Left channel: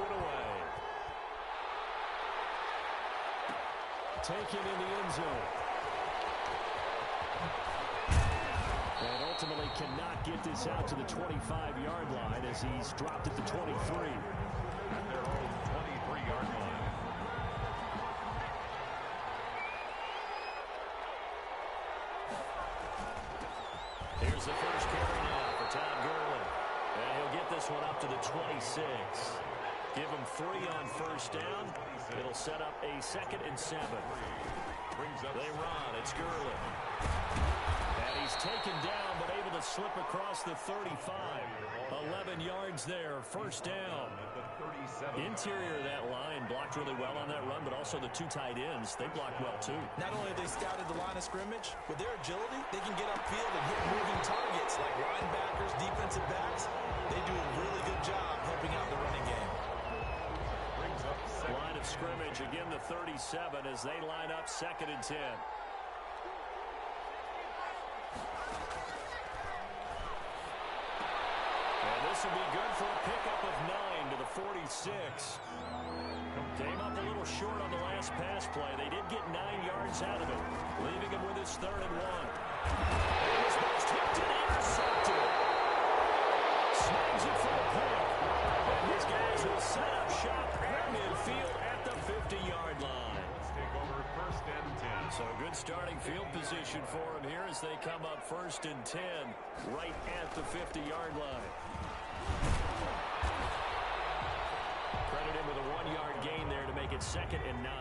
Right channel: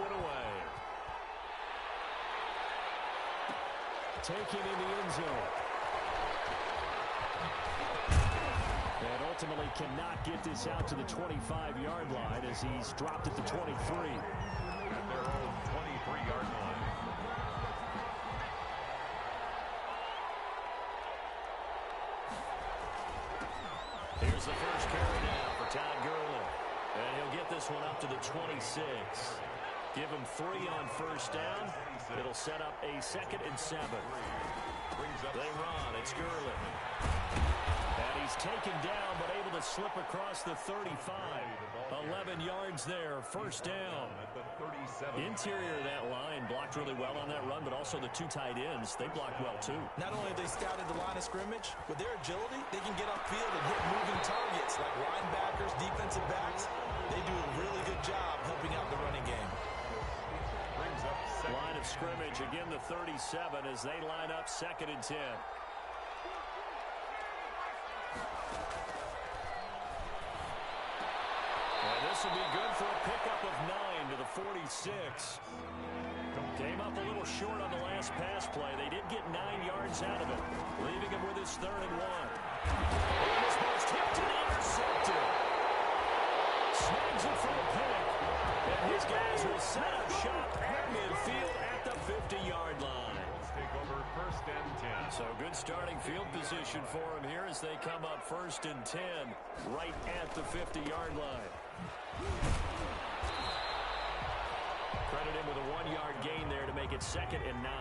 one away. Taken in the end zone. And ultimately cannot get this out to the 25-yard line as he's dropped at the 23. At their own 23-yard line. Here's the first carry now for Todd Gurley. And he'll get this one up to the 26. Give him 3 on first down. It'll set up a 2nd and 7. They run. It's Gurley. And he's taken down, but able to slip across the 35. 11 yards there, first down. Interior of that line blocked really well on that run, but also the 2 tight ends, they blocked well too. Not only have they scouted the line of scrimmage, with their agility, they can get upfield and hit moving targets like linebackers, defensive backs. They do a really good job helping out the running game. Line of scrimmage, again the 37 as they line up 2nd and 10. And this will be good for a pickup of 9 to the 46. Came up a little short on the last pass play. They did get 9 yards out of it, leaving him with his 3rd and 1. And this ball's tipped and intercepted. Snags it for a pick. And his guys will set up shop at midfield at the 50-yard line. Let's take over 1st and 10. So good starting field position for him here as they come up 1st and 10 right at the 50-yard line. Credit him with a 1-yard gain there to make it 2nd and 9.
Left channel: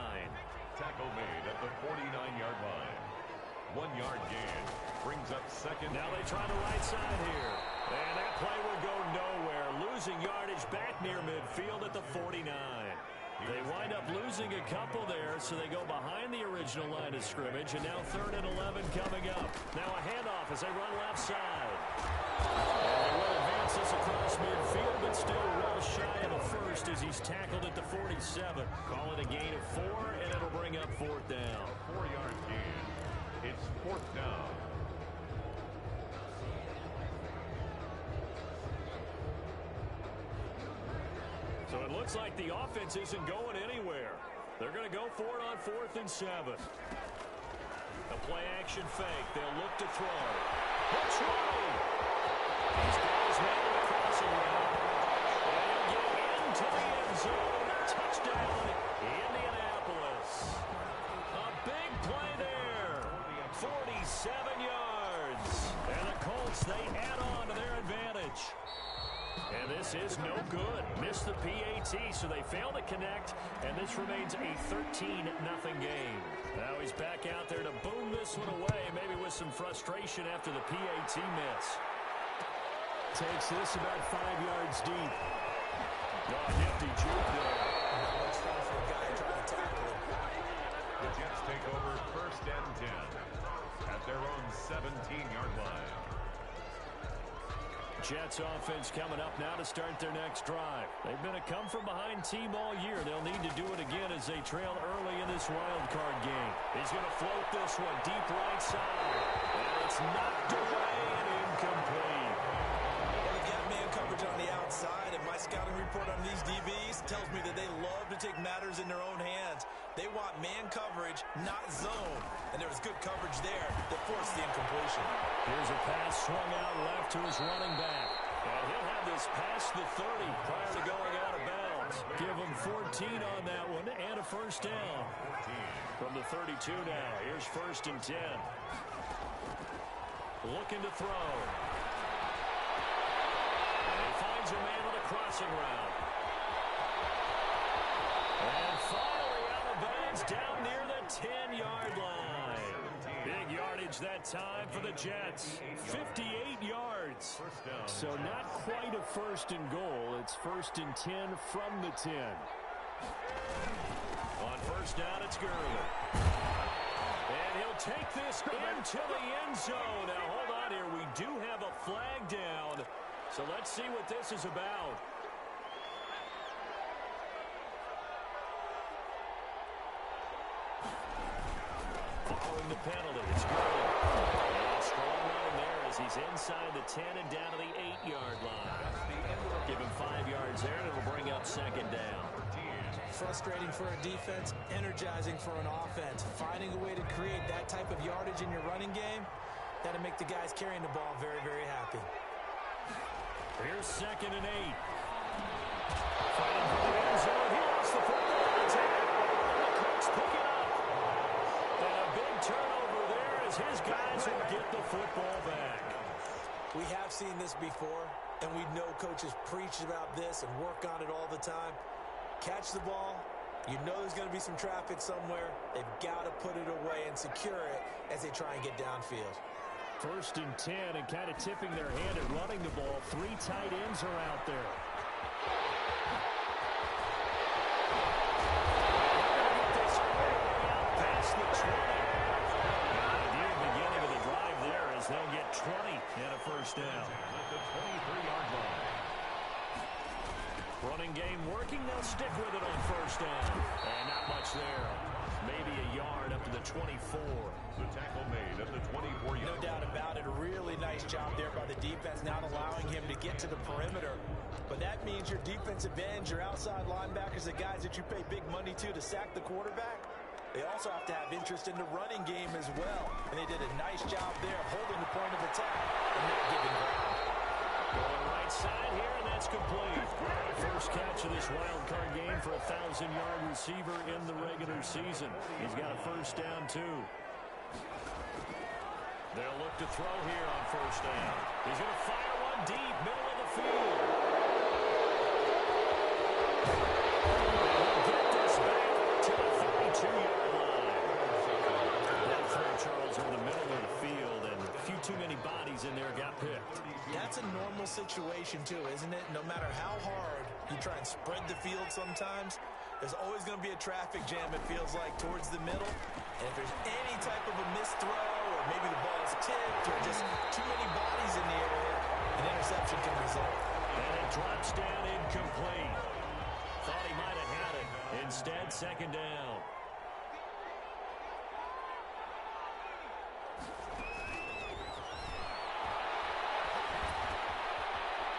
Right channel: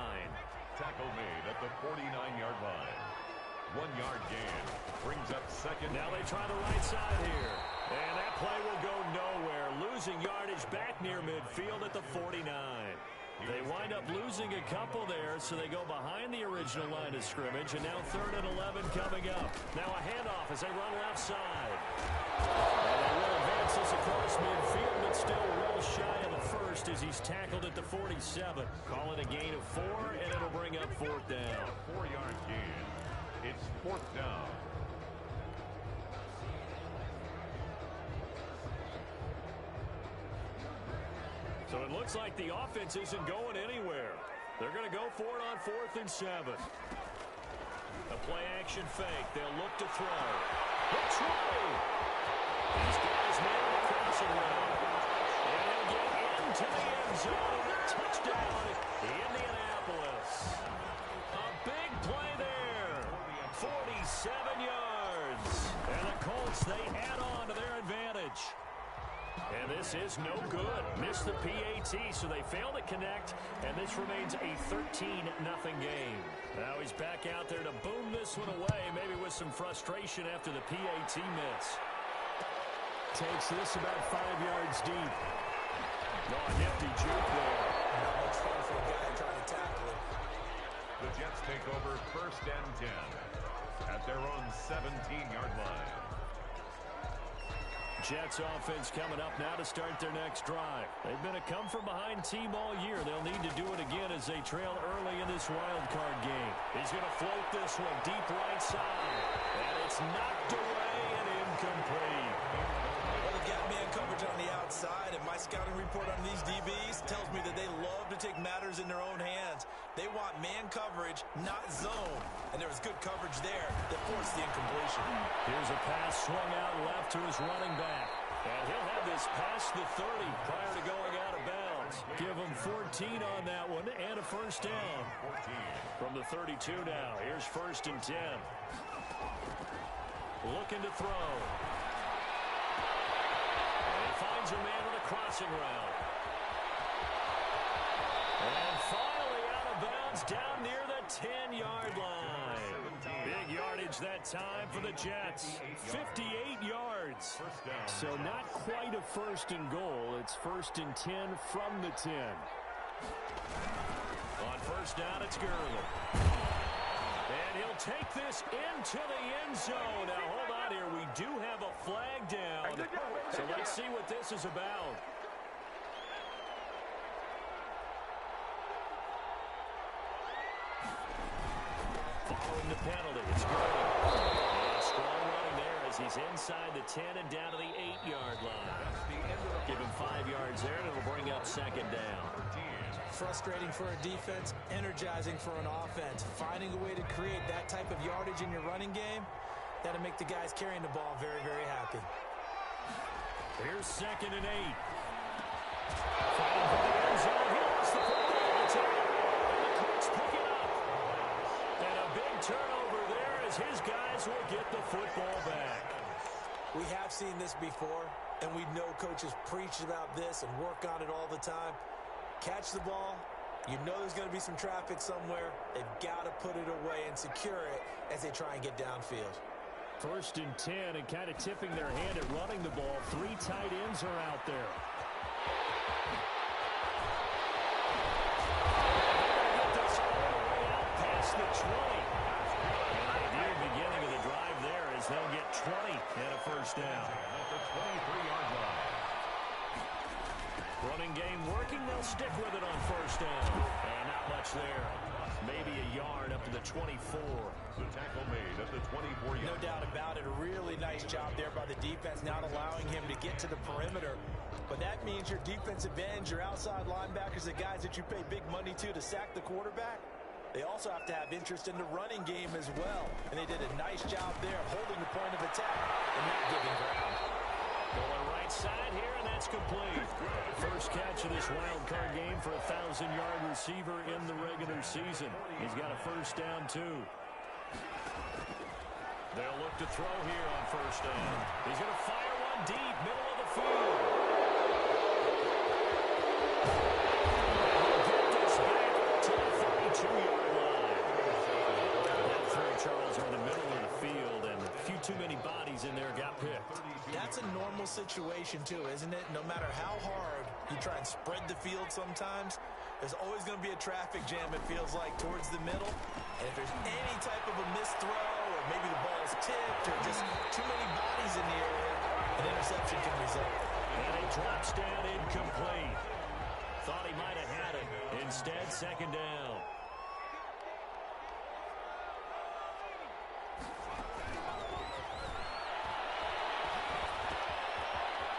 Tackle made at the 49-yard line. 1-yard gain brings up 2nd. Now they try the right side here. And that play will go nowhere. Losing yardage back near midfield at the 49. They wind up losing a couple there, so they go behind the original line of scrimmage, and now 3rd and 11 coming up. Now a handoff as they run left side. And they will advance this across midfield, but still well shy of the 1st as he's tackled at the 47. Call it a gain of 4, and it'll bring up 4th down. 4-yard gain. It's 4th down. So it looks like the offense isn't going anywhere. They're going to go for it on 4th and 7. A play-action fake. They'll look to throw. Looks right. These guys nailing the crossing route. And he'll get into the end zone. Touchdown, Indianapolis. A big play there. 47 yards. And the Colts, they add on to their advantage. And this is no good. Missed the PAT, so they fail to connect, and this remains a 13-0 game. Now he's back out there to boom this one away, maybe with some frustration after the PAT miss. Takes this about 5 yards deep. Oh, a nifty juke there. Not much fun for a guy trying to tackle him. The Jets take over 1st and 10 at their own 17-yard line. Jets offense coming up now to start their next drive. They've been a come-from-behind team all year. They'll need to do it again as they trail early in this wild card game. He's going to float this one deep right side. And it's knocked away and incomplete. Well, they've got man coverage on the outside, and my scouting report on these DBs tells me that they love to take matters in their own hands. They want man coverage, not zone. And there was good coverage there that forced the incompletion. Here's a pass swung out left to his running back. And he'll have this past the 30 prior to going out of bounds. Give him 14 on that one and a first down. 14. From the 32 now. Here's 1st and 10. Looking to throw. And he finds a man with a crossing route. And finally out of bounds down near the 10-yard line. Big yardage that time for the Jets. 58 yards. So not quite a 1st and goal. It's 1st and 10 from the 10. On 1st down, it's Gurley. And he'll take this into the end zone. Now, hold on here. We do have a flag down. So let's see what this is about. Following the penalty, it's Gurley. And strong running there as he's inside the 10 and down to the 8-yard line. Give him 5 yards yards there, and it'll bring up second down. Frustrating for a defense, energizing for an offense. Finding a way to create that type of yardage in your running game, that'll make the guys carrying the ball very, very happy. Here's 2nd and 8. Fighting for the end zone. He lost the football. It's in. And the Colts pick it up. And a big turnover there as his guys will get the football back. We have seen this before, and we know coaches preach about this and work on it all the time. Catch the ball. You know there's going to be some traffic somewhere. They've got to put it away and secure it as they try and get downfield. 1st and 10, and kind of tipping their hand at running the ball. 3 tight ends are out there. They're going to get this all the way out past the 20. And the ideal beginning of the drive there is they'll get 20 and a first down. At the 23-yard line. Running game working, they'll stick with it on 1st down. And not much there. Maybe a yard up to the 24. The tackle made at the 24-yard line. No doubt about it. A really nice job there by the defense, not allowing him to get to the perimeter. But that means your defensive ends, your outside linebackers, the guys that you pay big money to sack the quarterback, they also have to have interest in the running game as well. And they did a nice job there of holding the point of attack and not giving ground. Going right side here, and that's complete. First catch of this wild card game for a 1,000-yard receiver in the regular season. He's got a first down, too. They'll look to throw here on 1st down. He's going to fire one deep, middle of the field. And he'll get this back to the 32-yard line. That throw, Charles, over the middle of the field, and a few too many bodies in there got picked. That's a normal situation, too, isn't it? No matter how hard you try and spread the field sometimes, there's always going to be a traffic jam, it feels like, towards the middle. And if there's any type of a missed throw, or maybe the ball's tipped, or just too many bodies in the area, an interception can result. And it drops down incomplete. Thought he might have had it. Instead, 2nd down.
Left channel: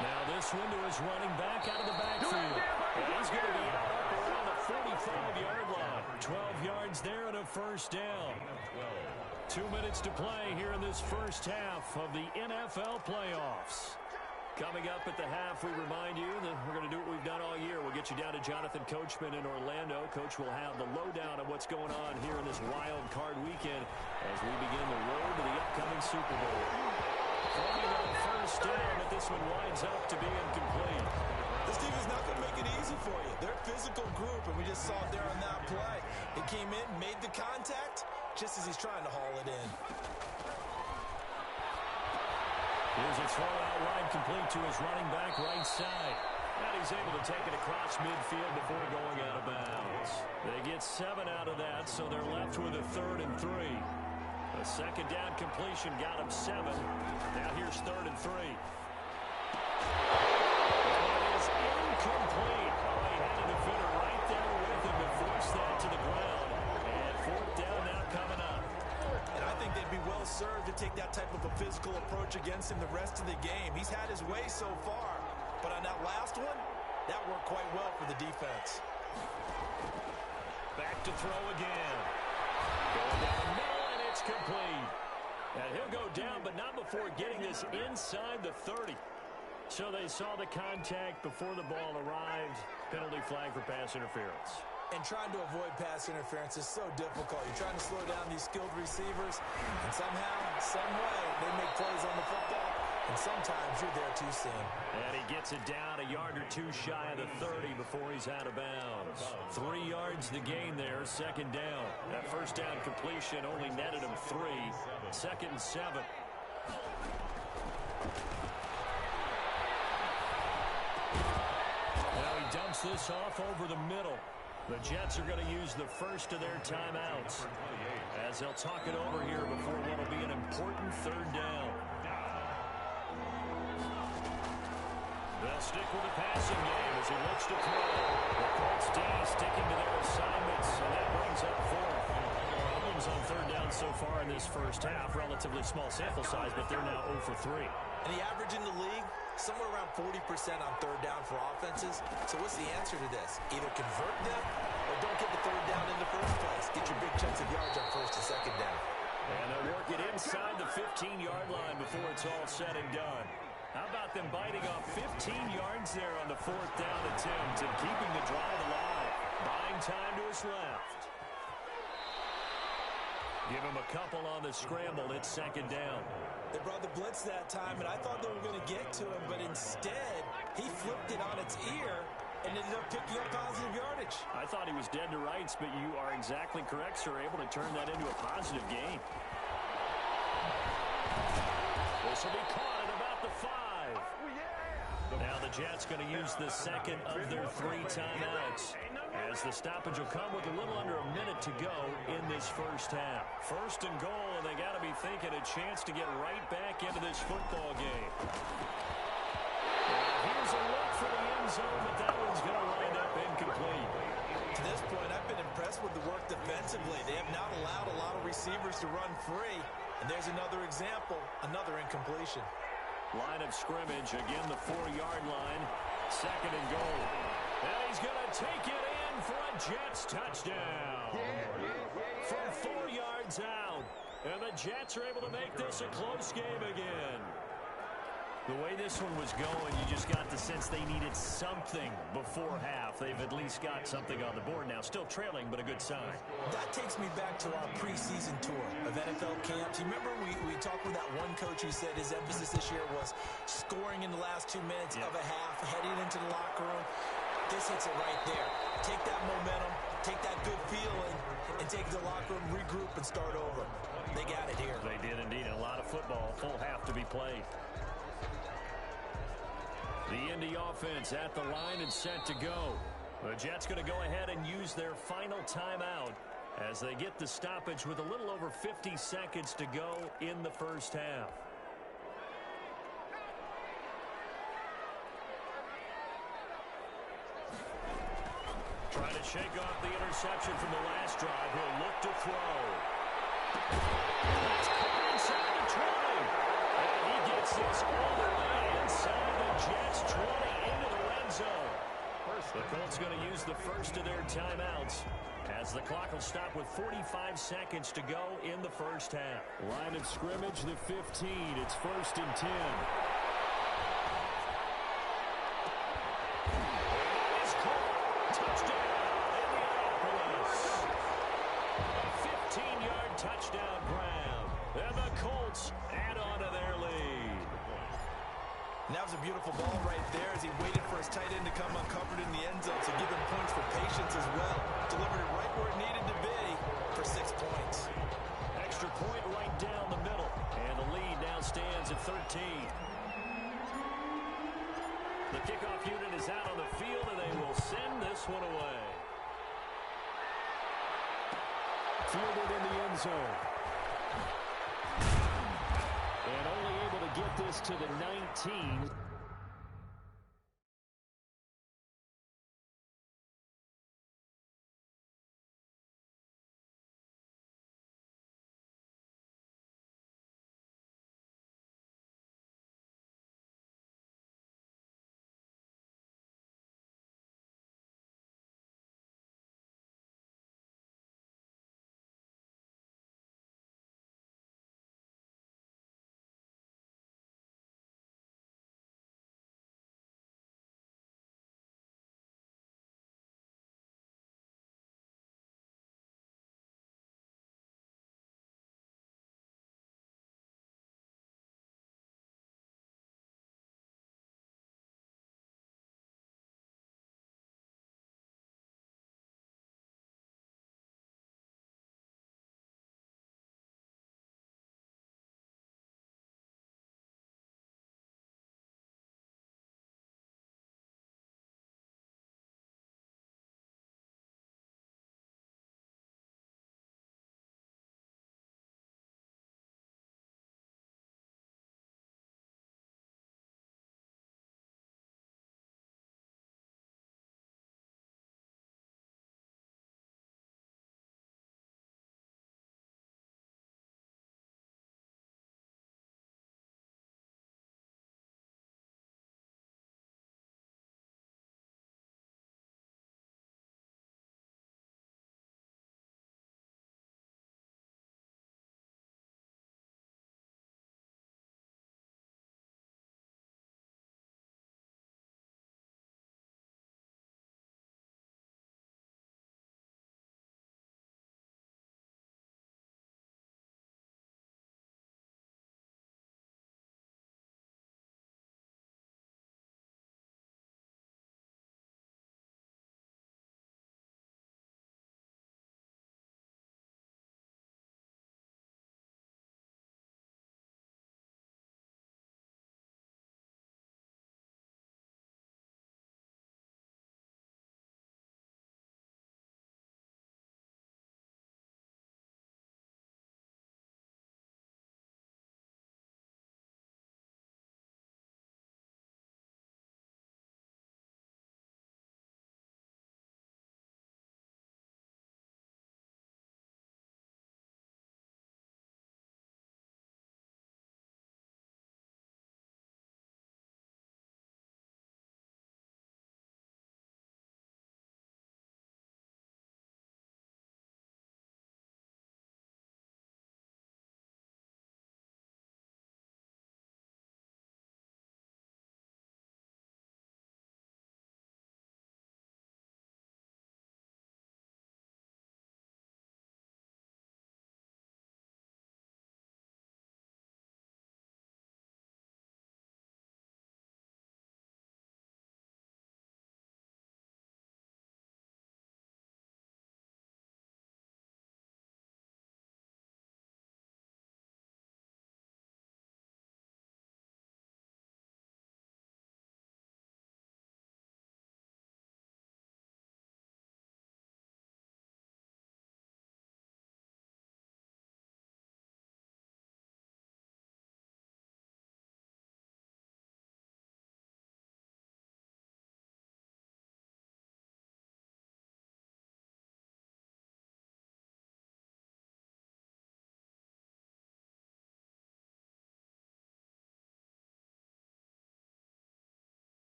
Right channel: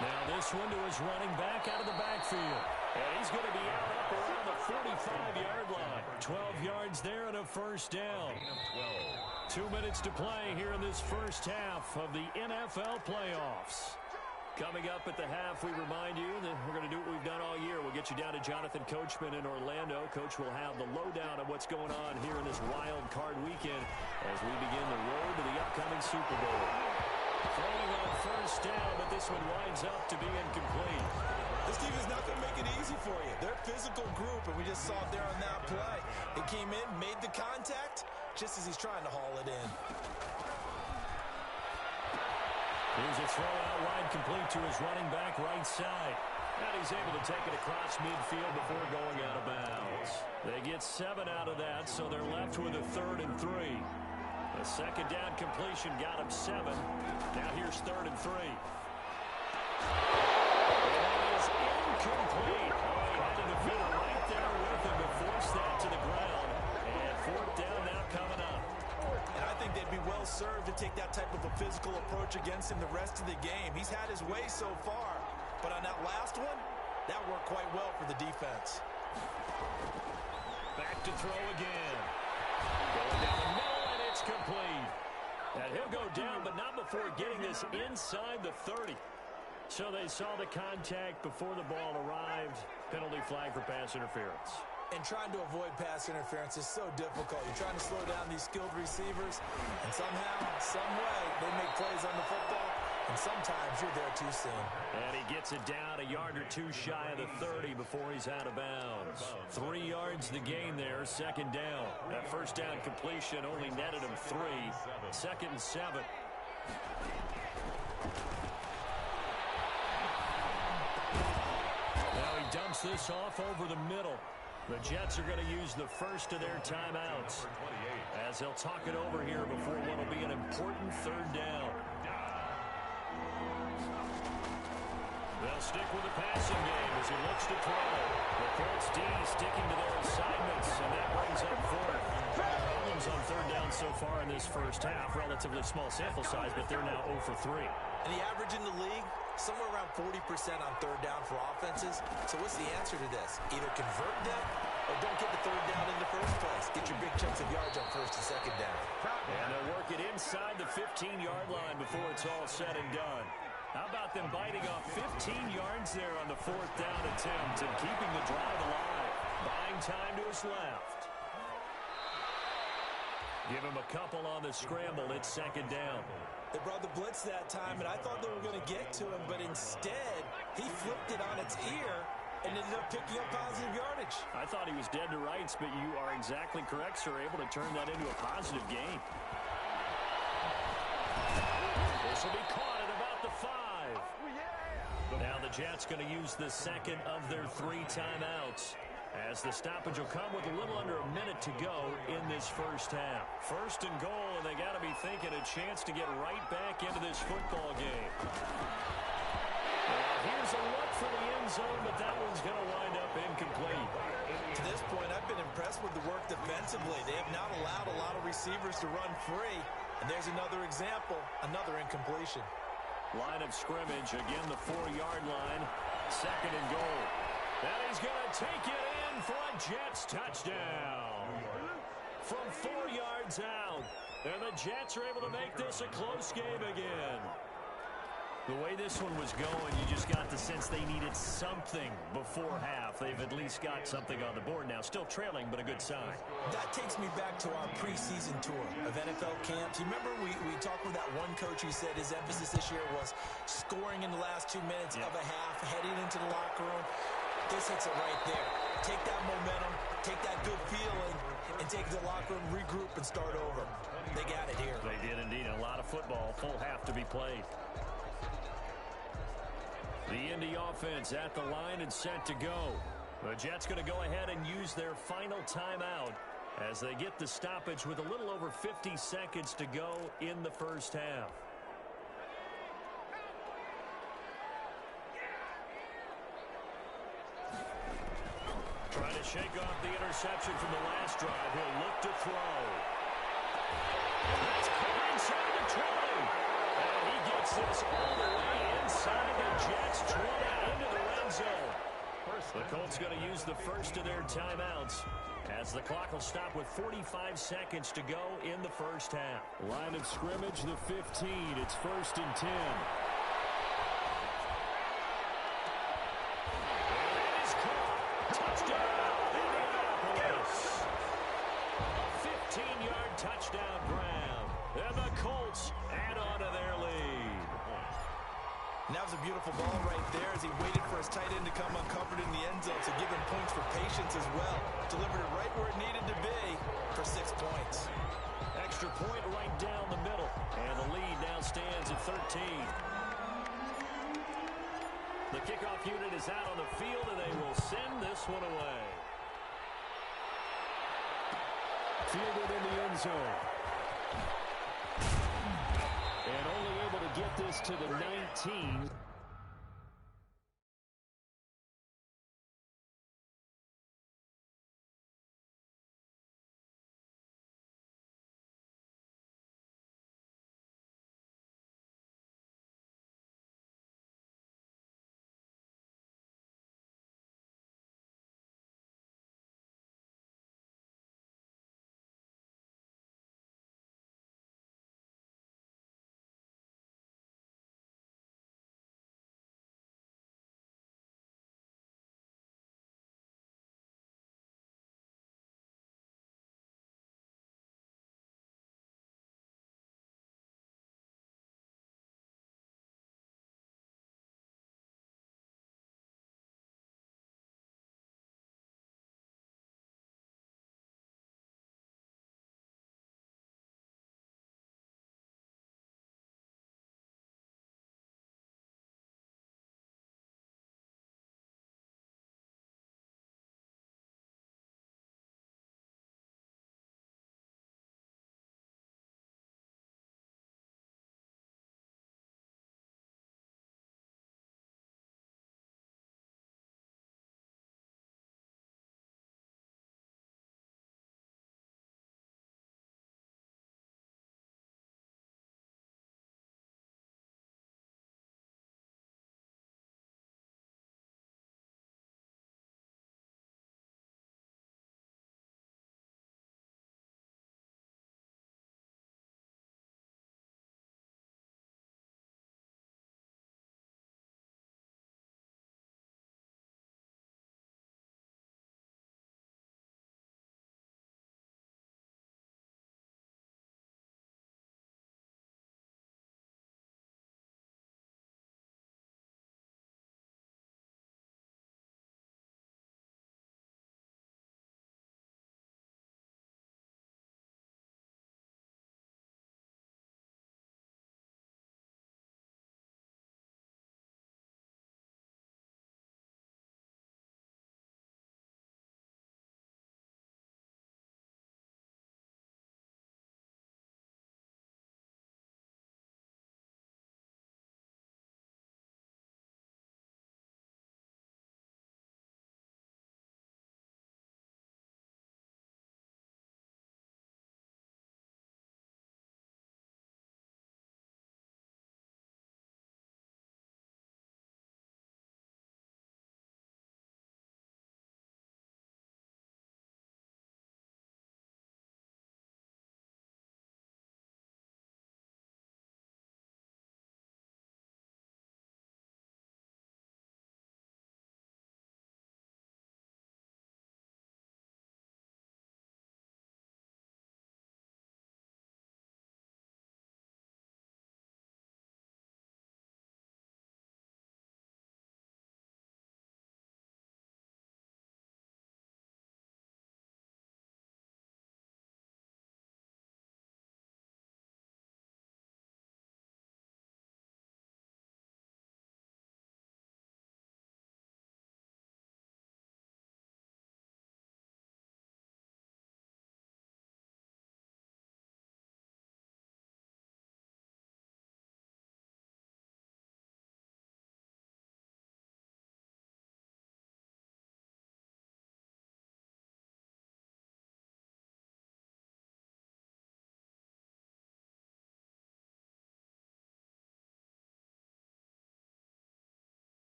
Now this one to his running back out of the backfield. And he's going to be out up around the 45-yard line. 12 yards there and a first down. 2 minutes to play here in this first half of the NFL playoffs. Coming up at the half, we remind you that we're going to do what we've done all year. We'll get you down to Jonathan Coachman in Orlando. Coach will have the lowdown of what's going on here in this wild card weekend as we begin the road to the upcoming Super Bowl. Throwing on 1st down, but this one winds up to be incomplete. This team is not going to make it easy for you. They're a physical group, and we just saw it there on that play. He came in, made the contact, just as he's trying to haul it in. Here's a throw out wide, complete to his running back right side. And he's able to take it across midfield before going out of bounds. They get 7 out of that, so they're left with a 3rd and 3. A 2nd down completion got him 7. Now here's 3rd and 3. And that is incomplete. Oh, he had a defender right there with him to force that to the ground. And 4th down now coming up. And I think they'd be well served to take that type of a physical approach against him the rest of the game. He's had his way so far, but on that last one, that worked quite well for the defense. Back to throw again. Going down the middle, and it's complete. And he'll go down, but not before getting this inside the 30. So they saw the contact before the ball arrived. Penalty flag for pass interference. And trying to avoid pass interference is so difficult. You're trying to slow down these skilled receivers, and somehow, some way, they make plays on the football, and sometimes you're there too soon. And he gets it down a yard or two shy of the 30 before he's out of bounds. 3 yards the gain there, 2nd down. That 1st down completion only netted him 3. 2nd and 7. Now he dumps this off over the middle. The Jets are going to use the first of their timeouts as they'll talk it over here before what will be an important 3rd down. They'll stick with the passing game as he looks to throw. The Colts D sticking to their assignments, and that brings up 4th. Problems on 3rd down so far in this first half. Relatively small sample size, but they're now 0 for 3. And the average in the league, somewhere around 40% on third down for offenses. So what's the answer to this? Either convert them or don't get the third down in the first place. Get your big chunks of yards on first and second down. And they'll work it inside the 15-yard line before it's all said and done. How about them biting off 15 yards there on the fourth down attempt and keeping the drive alive? Buying time to his left. Give him a couple on the scramble. It's second down. They brought the blitz that time, and I thought they were going to get to him, but instead, he flipped it on its ear and ended up picking up positive yardage. I thought he was dead to rights, but you are exactly correct, sir. Able to turn that into a positive gain. This will be caught at about the 5. Now the Jets going to use the second of their 3 timeouts, as the stoppage will come with a little under a minute to go in this first half. First and goal, and they got to be thinking a chance to get right back into this football game. Now here's a look for the end zone, but that one's going to wind up incomplete. To this point, I've been impressed with the work defensively. They have not allowed a lot of receivers to run free. And there's another example, another incompletion. Line of scrimmage, again the 4-yard line. Second and goal. And he's going to take it in for a Jets touchdown. From 4 yards out. And the Jets are able to make this a close game again. The way this one was going, you just got the sense they needed something before half. They've at least got something on the board now. Still trailing, but a good sign. That takes me back to our preseason tour of NFL camps. You remember we talked with that one coach who said his emphasis this year was scoring in the last 2 minutes of a half, heading into the locker room. This hits it right there. Take that momentum, take that good feeling, and take it to the locker room, regroup, and start over. They got it here. They did indeed. A lot of football, full half to be played. The Indy offense at the line and set to go. The Jets going to go ahead and use their final timeout as they get the stoppage with a little over 50 seconds to go in the first half. Trying to shake off the interception from the last drive. He'll look to throw. That's caught inside the 20. And he gets this all the way inside the Jets 20 into the red zone. The Colts going to use the first of their timeouts as the clock will stop with 45 seconds to go in the first half. Line of scrimmage, the 15. It's first and 10. And that is caught. Touchdown, Indianapolis. A 15-yard touchdown grab. And the Colts add on to their lead. And that was a beautiful ball right there as he waited for his tight end to come uncovered in the end zone, so give him points for patience as well. Delivered it right where it needed to be for 6 points. Extra point right down the middle. And the lead now stands at 13. The kickoff unit is out on the field, and they will send this one away. Fielded in the end zone. And only able to get this to the 19.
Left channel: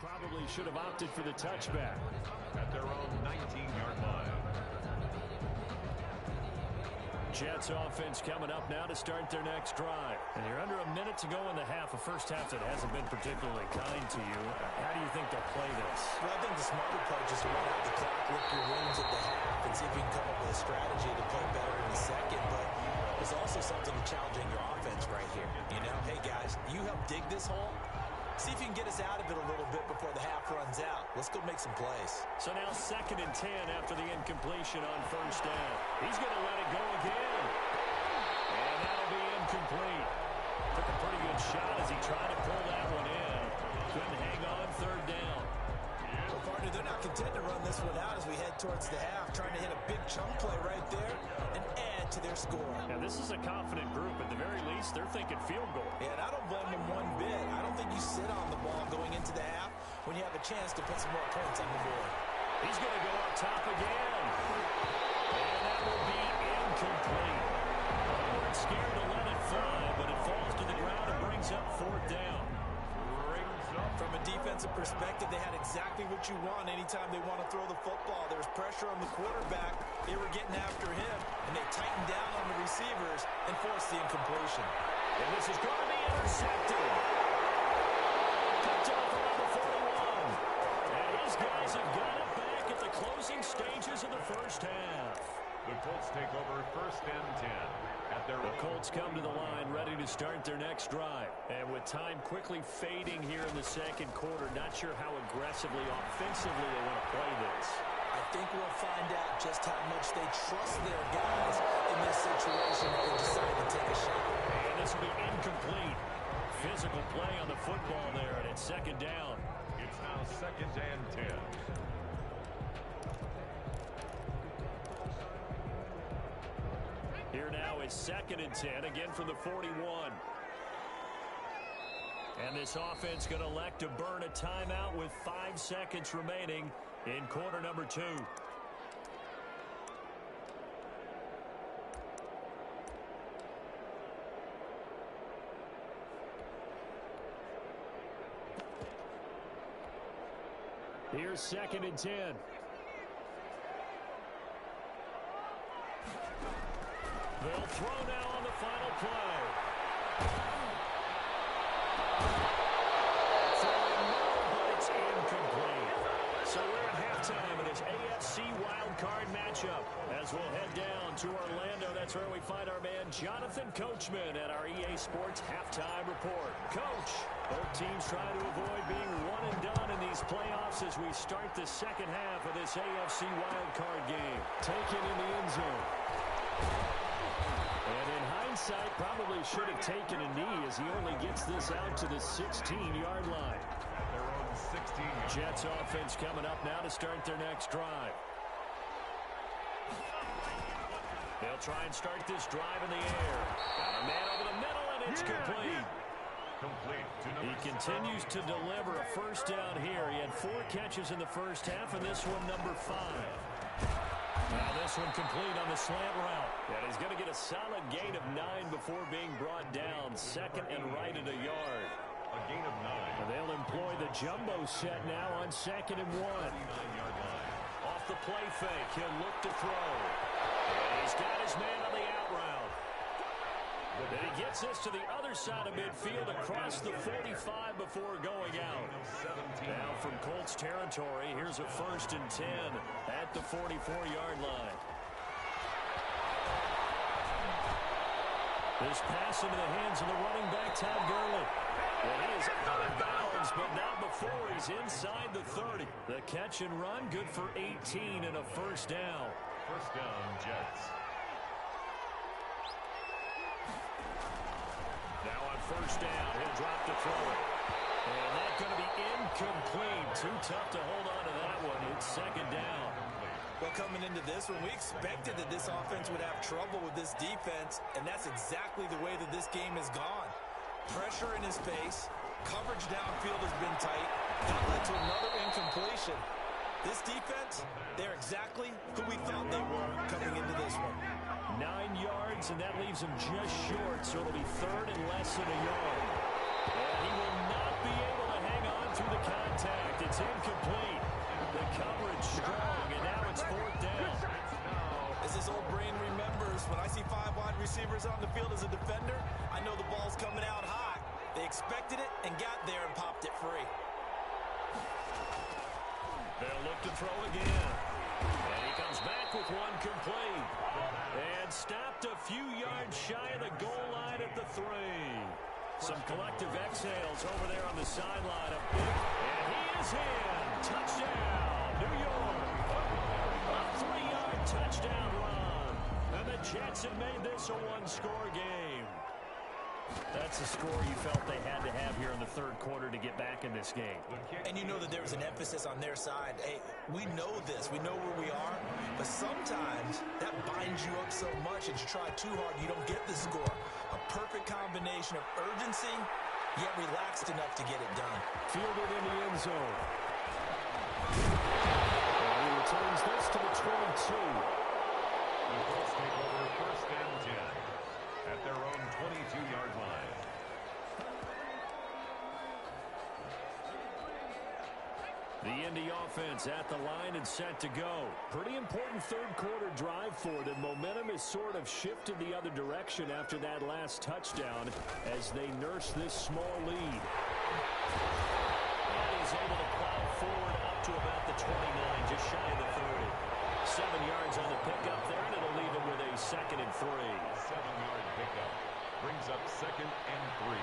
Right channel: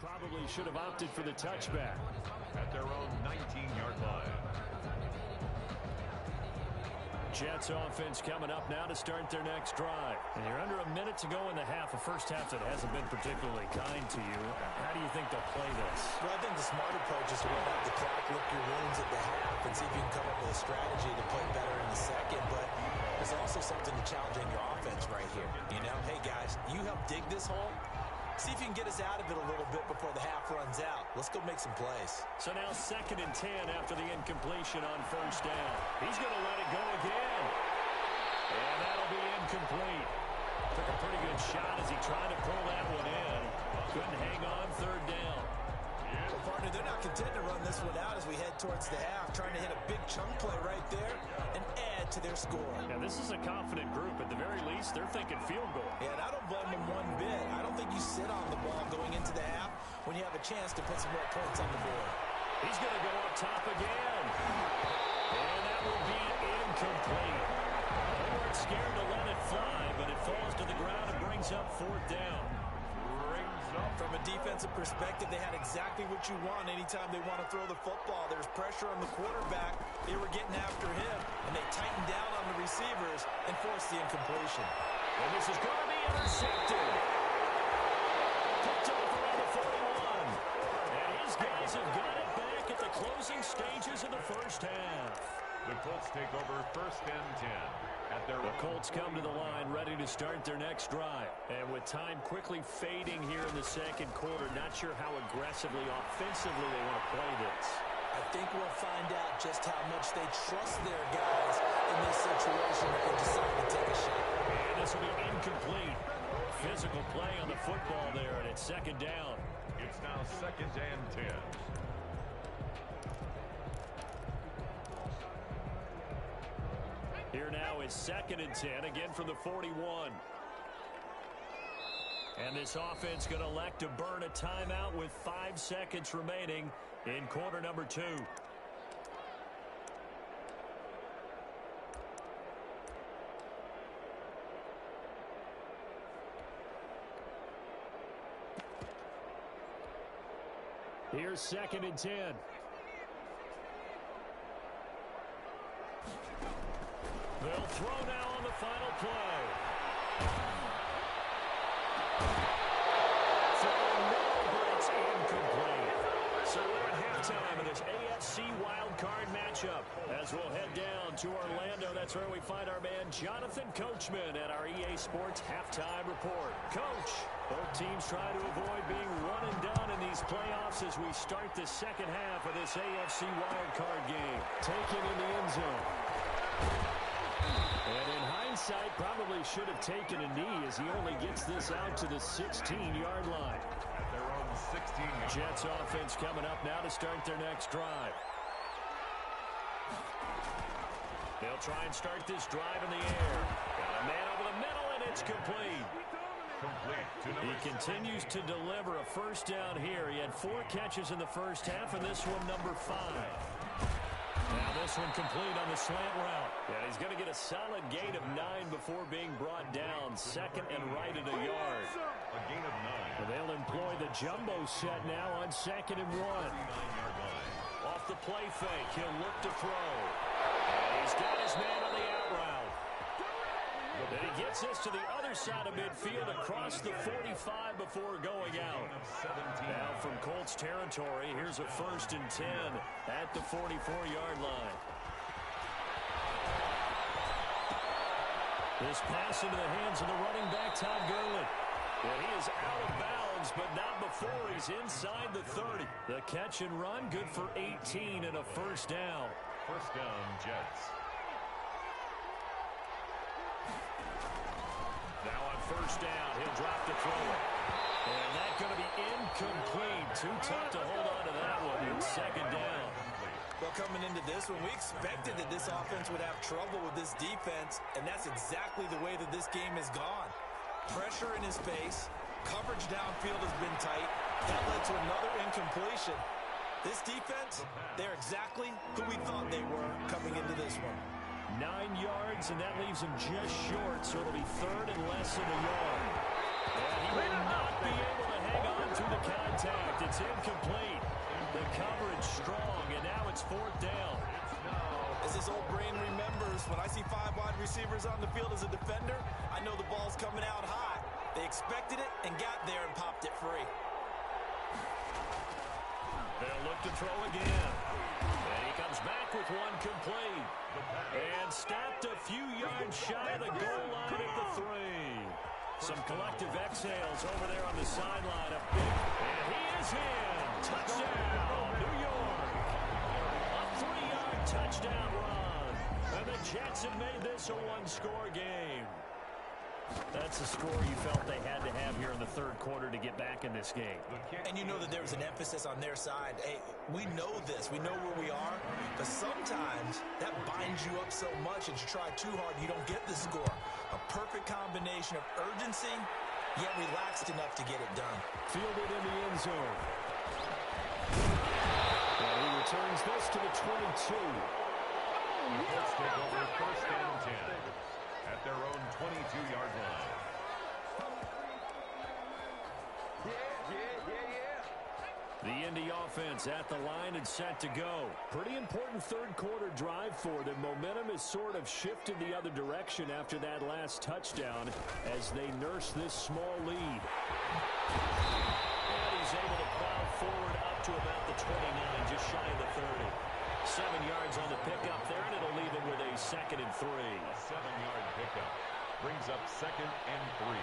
probably should have opted for the touchback. At their own 19-yard line. Jets offense coming up now to start their next drive. And you're under a minute to go in the half, a first half that hasn't been particularly kind to you. How do you think they'll play this? Well, I think the smart approach is to run out the clock, lick your wounds at the half, and see if you can come up with a strategy to play better in the second. But there's also something to challenging your offense right here. You know, hey, guys, you help dig this hole. See if you can get us out of it a little bit before the half runs out. Let's go make some plays. So now 2nd and 10 after the incompletion on first down. He's going to let it go again. And that'll be incomplete. Took a pretty good shot as he tried to pull that one in. Couldn't hang on 3rd down. Well, partner, they're not content to run this one out as we head towards the half, trying to hit a big chunk play right there and add to their score. Now, this is a confident group. At the very least, they're thinking field goal. Yeah, and I don't blame them one bit. I don't think you sit on the ball going into the half when you have a chance to put some more points on the board. He's going to go up top again. And that will be incomplete. They weren't scared to let it fly, but it falls to the ground and brings up 4th down. From a defensive perspective, they had exactly what you want anytime they want to throw the football. There's pressure on the quarterback. They were getting after him, and they tightened down on the receivers and forced the incompletion. And this is going to be intercepted. Picked off around the 41. And his guys have got it back at the closing stages of the first half. The Colts take over 1st and 10. The Colts come to the line ready to start their next drive. And with time quickly fading here in the 2nd quarter, not sure how aggressively, offensively they want to play this. I think we'll find out just how much they trust their guys in this situation if they decide to take a shot. And this will be incomplete. Physical play on the football there, and it's 2nd down. It's now 2nd and 10. Here now is 2nd and 10, again from the 41. And this offense going to elect to burn a timeout with 5 seconds remaining in quarter number 2. Here's 2nd and 10. They'll throw now on the final play. Throwing no, but it's incomplete. So we're at halftime of this AFC wildcard matchup as we'll head down to Orlando. That's where we find our man Jonathan Coachman at our EA Sports Halftime Report. Coach, both teams try to avoid being one and done in these playoffs as we start the 2nd half of this AFC wildcard game. Taken in the end zone. And in hindsight, probably should have taken a knee as he only gets this out to the 16-yard line. At their own 16-yard. Jets offense coming up now to start their next drive. They'll try and start this drive in the air. Got a man over the middle, and it's complete. He continues to deliver a first down here. He had 4 catches in the first half, and this one number 5. Now this one complete on the slant route. And he's going to get a solid gain of 9 before being brought down. 2nd and right at a yard. A gain of 9. And they'll employ the jumbo set now on 2nd and 1. 39-yard line. Off the play fake, he'll look to throw. And he's got his man on the out route. Then he gets this to the other side of midfield across the 45 before going out. Now from Colts territory, here's a 1st and 10 at the 44-yard line. This pass into the hands of the running back, Todd Gurley. And he is out of bounds, but not before he's inside the 30. The catch and run, good for 18 and a first down. First down, Jets. Now on first down, he'll drop to throw it. And that's going to be incomplete. Too tough to hold on to that one. It's 2nd down. Well, coming into this one, we expected that this offense would have trouble with this defense, and that's exactly the way that this game has gone. Pressure in his face, coverage downfield has been tight. That led to another incompletion. This defense, they're exactly who we thought they were coming into this one. 9 yards, and that leaves him just short, so it'll be 3rd and less than a yard. And he will not be able to hang on through the contact. It's incomplete. The coverage strong, and now it's fourth down. As this old brain remembers, when I see 5 wide receivers on the field as a defender, I know the ball's coming out hot. They expected it and got there and popped it free. They'll look to throw again. And he comes back with one complete. And stopped a few yards shy of the goal line at the 3. Some collective exhales over there on the sideline. A big, and he is in. Touchdown, New York. A 3-yard touchdown run. And the Jets have made this a one-score game. That's the score you felt they had to have here in the third quarter to get back in this game. And you know that there was an emphasis on their side. Hey, we know this. We know where we are. But sometimes that binds you up so much that you try too hard, you don't get the score. A perfect combination of urgency, yet relaxed enough to get it done. Fielded in the end zone. And he returns this to the 22. Let's take over first and 10 at their own 22-yard line. The Indy offense at the line and set to go. Pretty important third quarter drive for them. Momentum has sort of shifted the other direction after that last touchdown as they nurse this small lead. And he's able to plow forward up to about the 29, just shy of the 30. 7 yards on the pickup there, and it'll leave him with a 2nd and 3. A 7-yard pickup brings up 2nd and 3.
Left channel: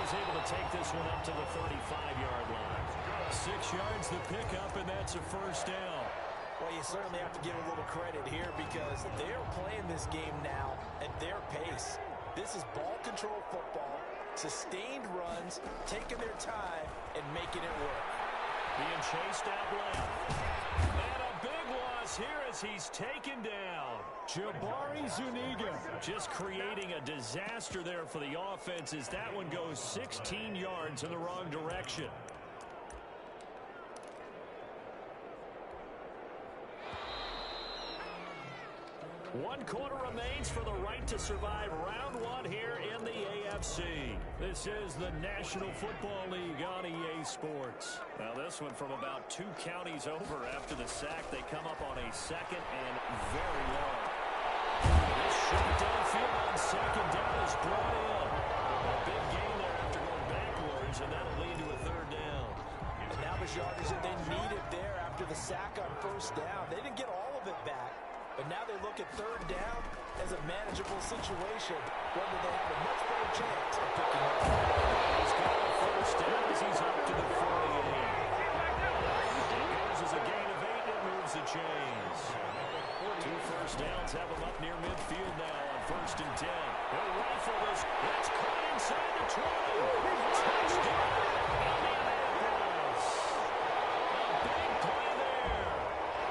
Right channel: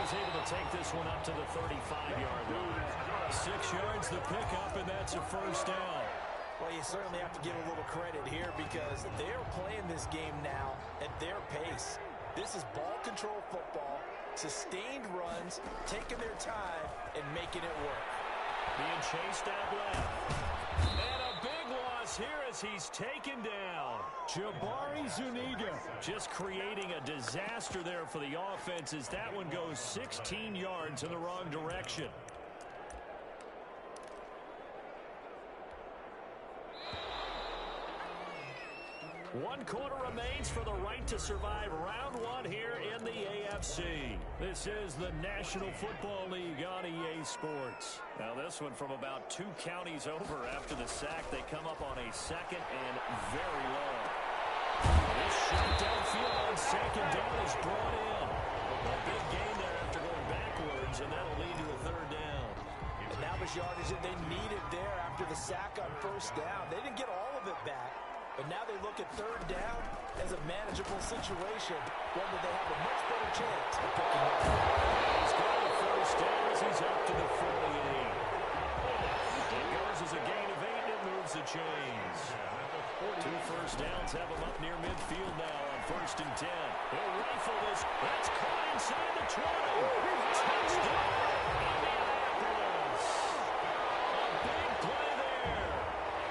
He's able to take this one up to the 35-yard line. 6 yards the pickup, and that's a first down. Well, you certainly have to give a little credit here because they're playing this game now at their pace. This is ball control football, sustained runs, taking their time, and making it work. Being chased out left. And a big loss here as he's taken down. Jabari Zuniga just creating a disaster there for the offense as that one goes 16 yards in the wrong direction. One quarter remains for the right to survive round one here in the AFC. This is the National Football League on EA Sports. Now this one from about 2 counties over after the sack. They come up on a 2nd and very long. This shot downfield on 2nd down is brought in. A big gain there after going backwards, and that'll lead to a 3rd down. And now the yardage that they needed there after the sack on 1st down. They didn't get all of it back. But now they look at 3rd down as a manageable situation, one that they have a much better chance of picking up. He's got a 1st down as he's up to the 48. It goes as a gain of 8, and it moves the chains. 2 first downs have him up near midfield now on 1st and 10. He'll rifle this. That's caught inside the 20. Touchdown, Indianapolis. A big play there.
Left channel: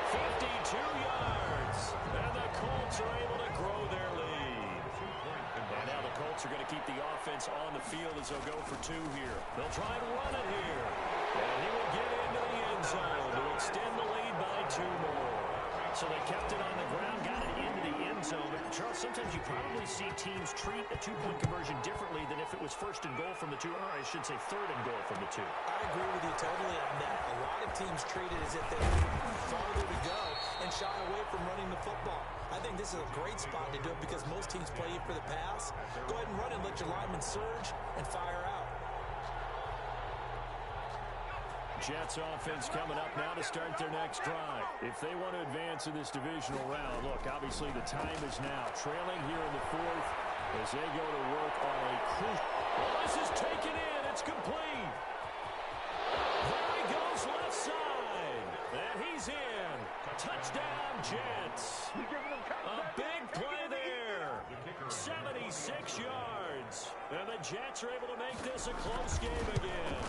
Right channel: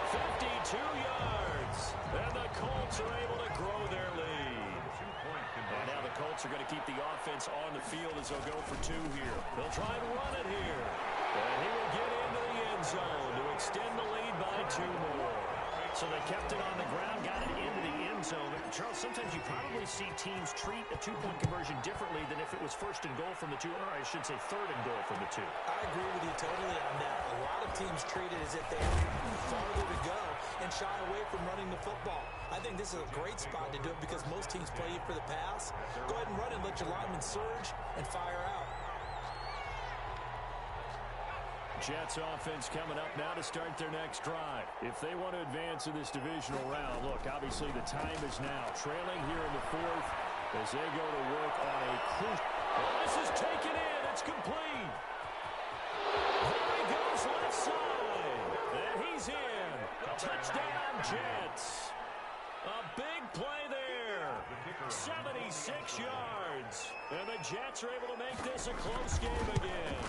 52 yards. And the Colts are able to grow their lead. And now the Colts are going to keep the offense on the field as they'll go for 2 here. They'll try and run it here. And he will get into the end zone to extend the lead by 2 more. So they kept it on the ground, got it into the end zone. But Charles, sometimes you probably see teams treat a 2-point conversion differently than if it was 1st and goal from the 2, or I should say 3rd and goal from the 2. I agree with you totally on that. A lot of teams treat it as if they have farther to go and shy away from running the football. I think this is a great spot to do it because most teams play you for the pass. Go ahead and run and let your linemen surge and fire out. Jets offense coming up now to start their next drive. If they want to advance in this divisional round, look, obviously the time is now. Trailing here in the 4th as they go to work on a crucial. Well, this is taken in. It's complete. There he goes left side. And he's in. Touchdown, Jets. A big play there. 76 yards. And the Jets are able to make this a close game again.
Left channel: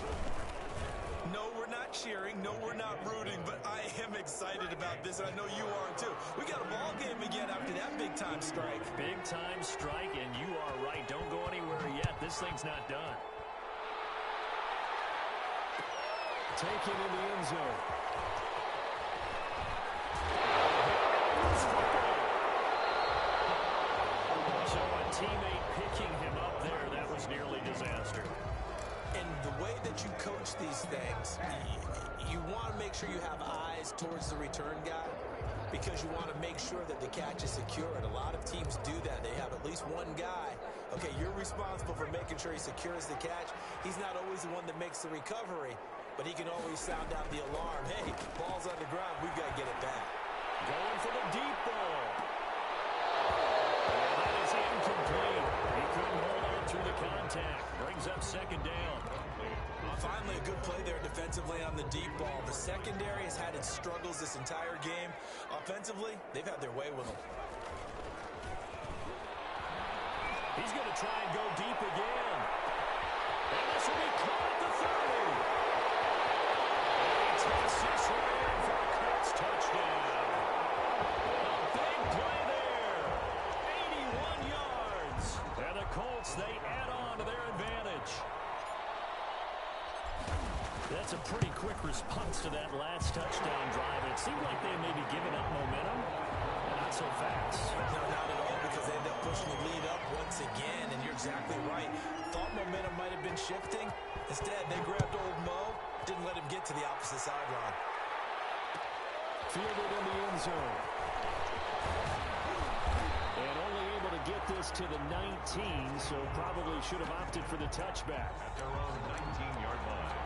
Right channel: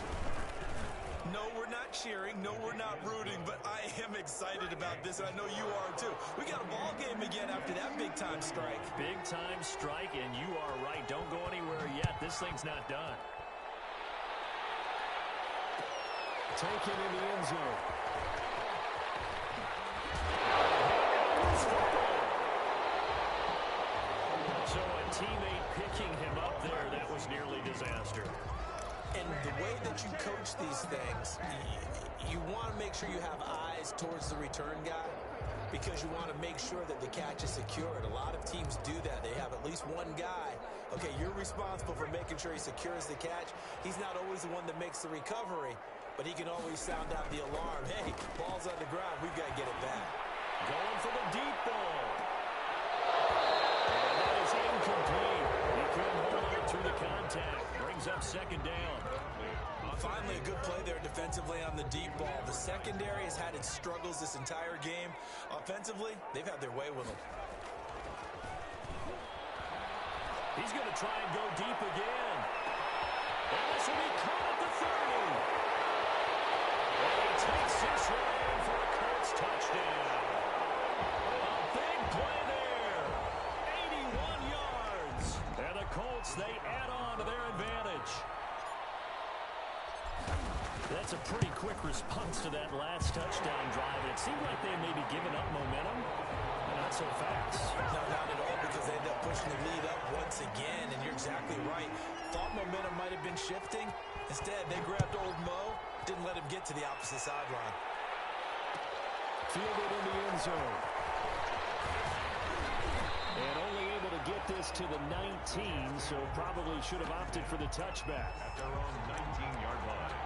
No, we're not cheering. No, we're not rooting. But I am excited about this, and I know you are too. We got a ball game again after that big-time strike. Big-time strike, and you are right. Don't go anywhere yet. This thing's not done. Taken in the end zone. So a teammate picking him up there, that was nearly disaster. And the way that you coach these things, you want to make sure you have eyes towards the return guy because you want to make sure that the catch is secured. A lot of teams do that. They have at least one guy. Okay, you're responsible for making sure he secures the catch. He's not always the one that makes the recovery, but he can always sound out the alarm. Hey, ball's on the ground. We've got to get it back. Going for the deep ball. And that is incomplete. He couldn't hold on through the contact. Brings up second down. Finally, a good play there defensively on the deep ball. The secondary has had its struggles this entire game. Offensively, they've had their way with them. He's going to try and go deep again. And this will be caught at the 30. And he takes this right in for a Colts touchdown. A big play there. 81 yards. And the Colts, they add on to their advantage. That's a pretty quick response to that last touchdown drive. And it seemed like they had maybe given up momentum. Not so fast. No, not at all, because they ended up pushing the lead up once again, and you're exactly right. Thought momentum might have been shifting. Instead, they grabbed old Mo, didn't let him get to the opposite sideline. Fielded in the end zone. And only able to get this to the 19, so probably should have opted for the touchback. At their own 19-yard line.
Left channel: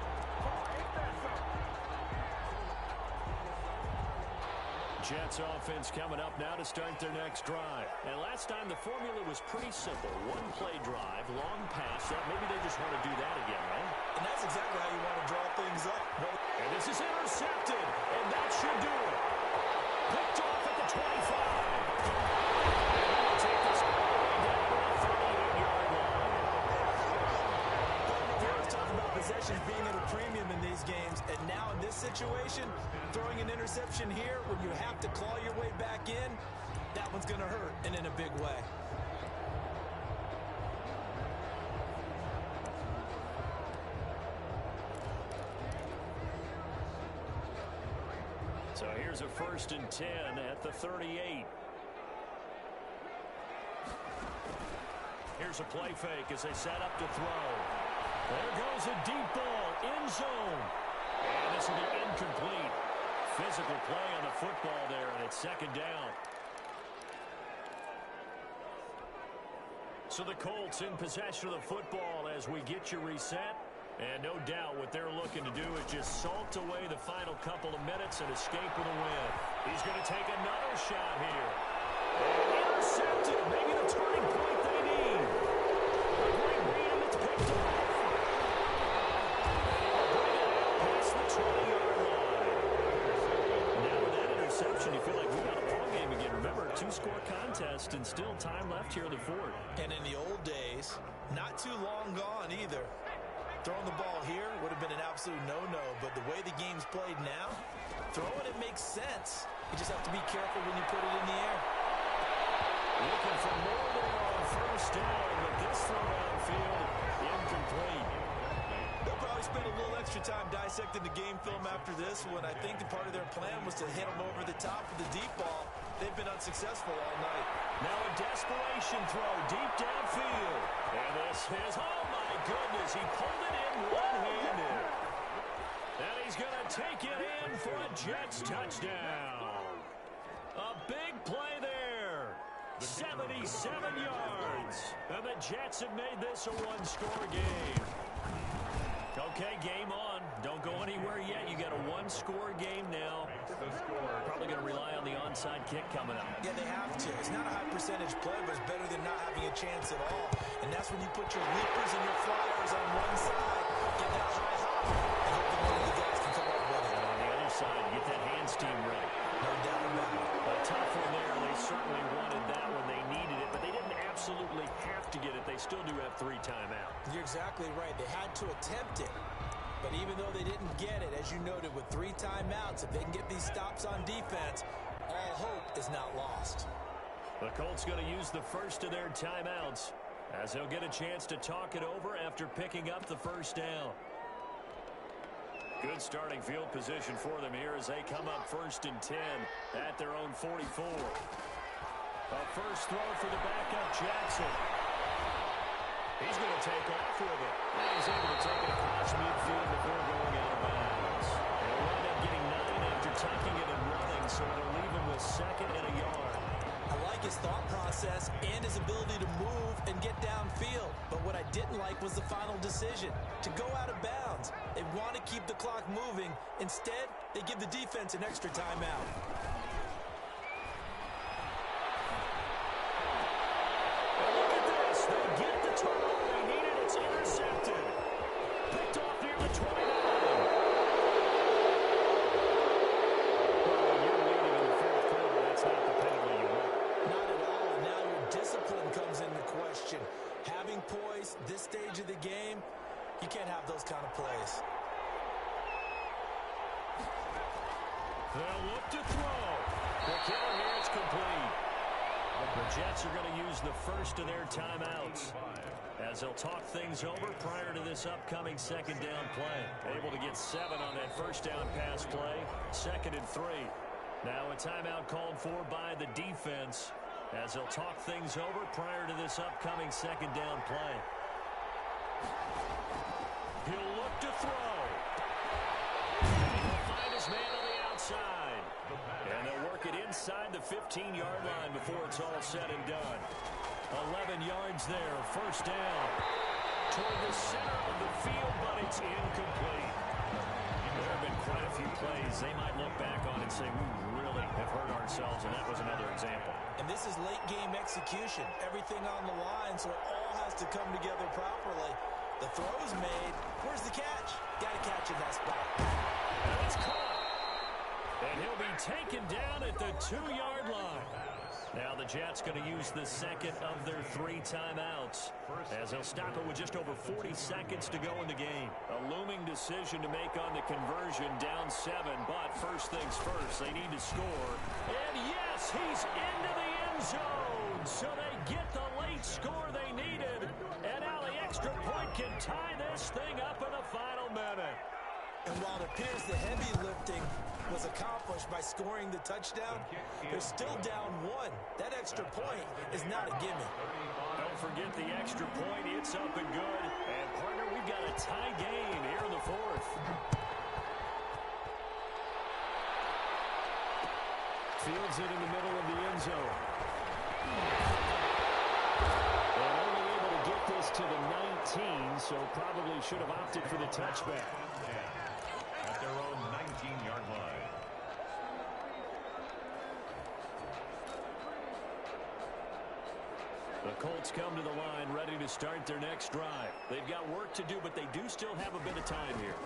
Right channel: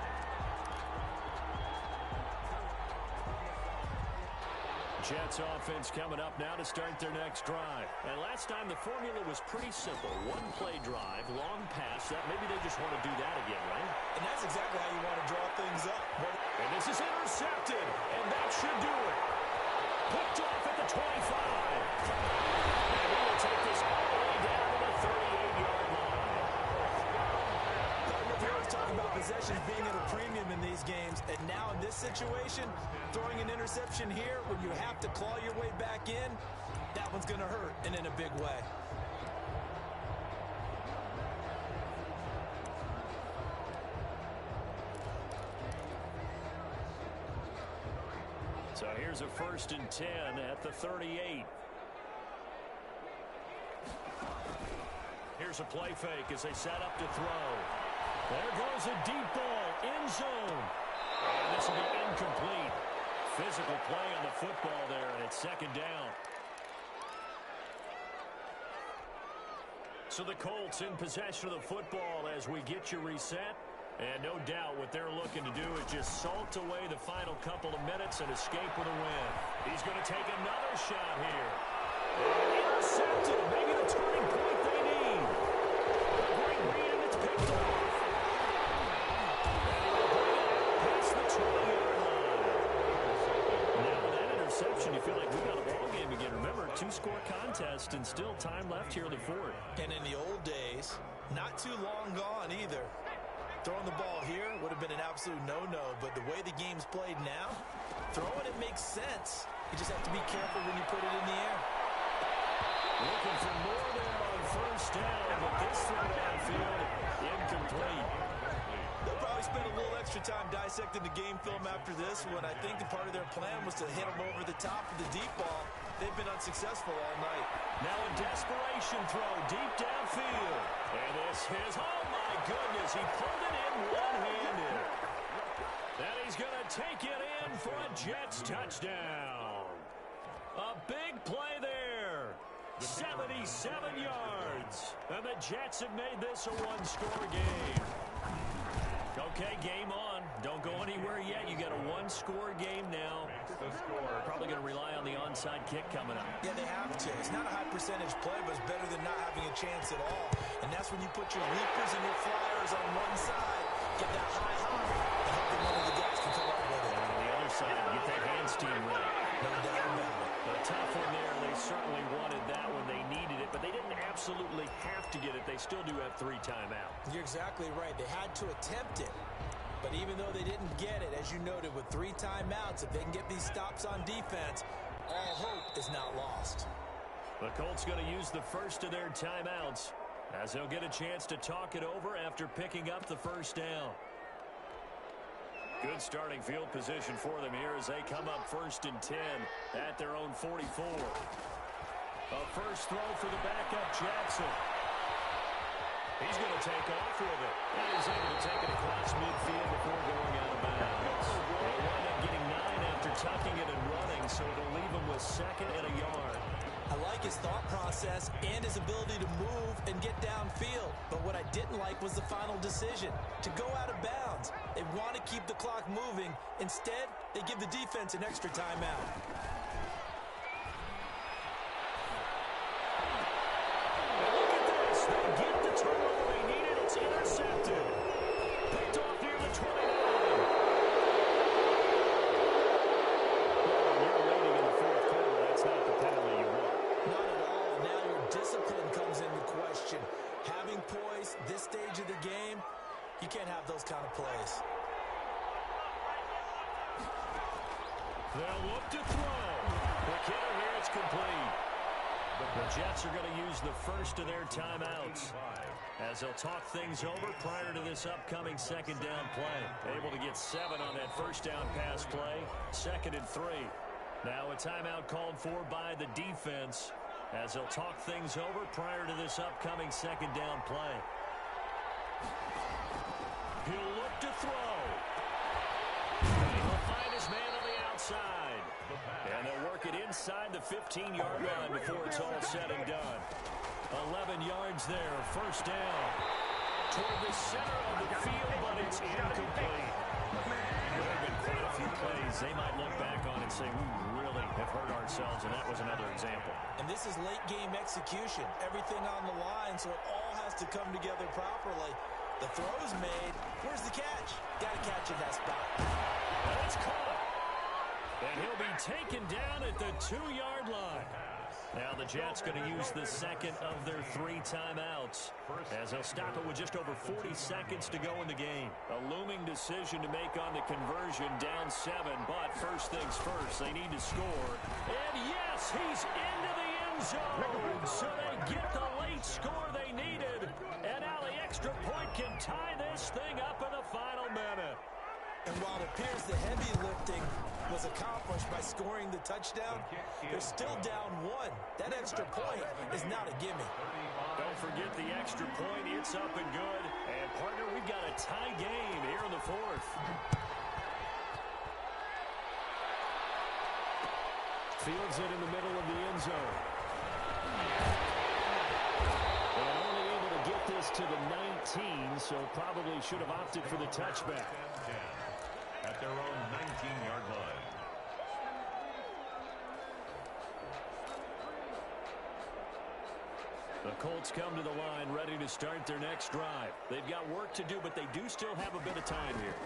Jets offense coming up now to start their next drive. And last time the formula was pretty simple. One play drive, long pass. Maybe they just want to do that again, right? And that's exactly how you want to draw things up. And this is intercepted. And that should do it. Picked off at the 25. And he will take this all the way down to the 38-yard line. We always talk about possessions being at a premium in these games. And now in this situation, throwing an interception here when you have to claw your way back in, that one's going to hurt, and in a big way. So here's a 1st and 10 at the 38. Here's a play fake as they set up to throw. There goes a deep ball, end zone. And this will be incomplete. Physical play on the football there, and it's second down. So the Colts in possession of the football as we get you reset. And no doubt what they're looking to do is just salt away the final couple of minutes and escape with a win. He's going to take another shot here. And intercepted. Maybe the turning point they need. A great read, and it's picked off. And he will bring it out past the 20-yard line. Now with that interception, you feel like we got a ball game again. Remember, 2-score contest and still time left here in the fourth. And in the old days, not too long gone either. Throwing the ball here would have been an absolute no-no, but the way the game's played now, throwing it makes sense. You just have to be careful when you put it in the air. Looking for more there on 1st down, but this throw downfield, incomplete. They'll probably spend a little extra time dissecting the game film after this one. I think the part of their plan was to hit them over the top of the deep ball. They've been unsuccessful all night. Now a desperation throw deep downfield. And this is, oh my goodness, he pulled it in one-handed. And he's going to take it in for a Jets touchdown. A big play there. 77 yards. And the Jets have made this a one-score game. Okay, game on. Don't go anywhere yet. You got a one-score game now. Probably going to rely on the onside kick coming up. Yeah, they have to. It's not a high percentage play, but it's better than not having a chance at all. And that's when you put your leapers and your flyers on one side, get that high hop, and hope that one of the guys can come up with it. And on the other side, get that hands team ready. No doubt about it. A tough one there. They certainly wanted that when they needed it, but they didn't absolutely have to get it. They still do have 3 timeouts. You're exactly right. They had to attempt it. But even though they didn't get it, as you noted, with 3 timeouts, if they can get these stops on defense, all hope is not lost. The Colts going to use the first of their timeouts as they'll get a chance to talk it over after picking up the 1st down. Good starting field position for them here as they come up 1st and 10 at their own 44. A first throw for the backup Jackson. He's going to take off with it. And he's able to take it across midfield before going out of bounds. He'll wind up getting 9 after tucking it and running, so it'll leave him with 2nd and a yard. I like his thought process and his ability to move and get downfield. But what I didn't like was the final decision, to go out of bounds. They want to keep the clock moving. Instead, they give the defense an extra timeout. And look at this. They get the turnover they needed. It's intercepted. Picked off near the 29. Well, when you're leading in the 4th quarter, that's not the penalty you want. Not at all, and now your discipline comes into question. Having poise this stage of the game, you can't have those kind of plays. They'll look to throw. The kicker here is complete. The Jets are going to use the first of their timeouts as they'll talk things over prior to this upcoming 2nd down play. Able to get 7 on that first down pass play. 2nd and 3. Now a timeout called for by the defense as they'll talk things over prior to this upcoming 2nd down play. He'll look to throw. And he'll find his man on the outside. And they'll work it inside the 15-yard line before it's all said and done. 11 yards there, first down. Toward the center of the field, but it's incomplete. There have been quite a few plays they might look back on and say, we really have hurt ourselves, and that was another example. And this is late-game execution. Everything on the line, so it all has to come together properly. The throw's made. Where's the catch? Got to catch in that spot. And it's caught. And he'll be taken down at the 2-yard line. Now the Jets going to use the 2nd of their 3 timeouts as they'll stop it with just over 40 seconds to go in the game. A looming decision to make on the conversion, down 7, but first things first, they need to score. And yes, he's into the end zone, so they get the late score they needed. And now the extra point can tie this thing up in the final minute. And while it appears the heavy lifting was accomplished by scoring the touchdown, they're still down 1. That extra point is not a gimme. Don't forget the extra point. It's up and good. And, partner, we've got a tie game here in the 4th. Fields it in the middle of the end zone. And only able to get this to the 19, so probably should have opted for the touchback. At their own 19-yard line. The Colts come to the line ready to start their next drive. They've got work to do, but they do still have a bit of time here.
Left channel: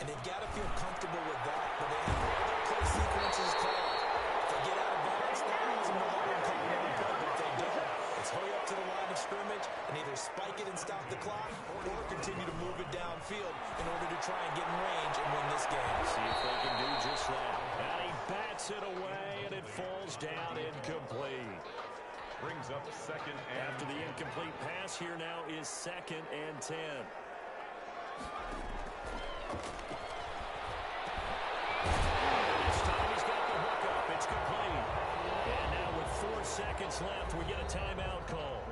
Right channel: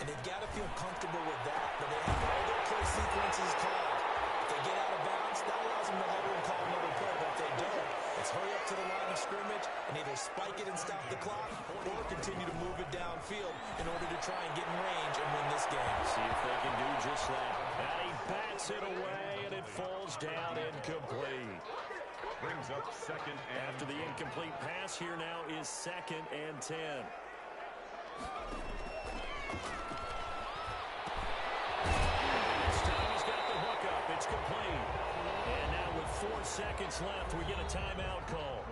And they've got to feel comfortable with that, but they have all their play sequences called. If they get out of bounds, that allows them to hover and call another play, but if they don't, it's hurry up to the line of scrimmage and either spike it and stop the clock or continue to move it downfield in order to try and get in range and win this game. See if they can do just that. And he bats it away, and it falls down incomplete. Brings up 2nd and After the incomplete pass, here now is 2nd and 10. This time he's got the hook up. It's complete. And now with 4 seconds left, we get a timeout call.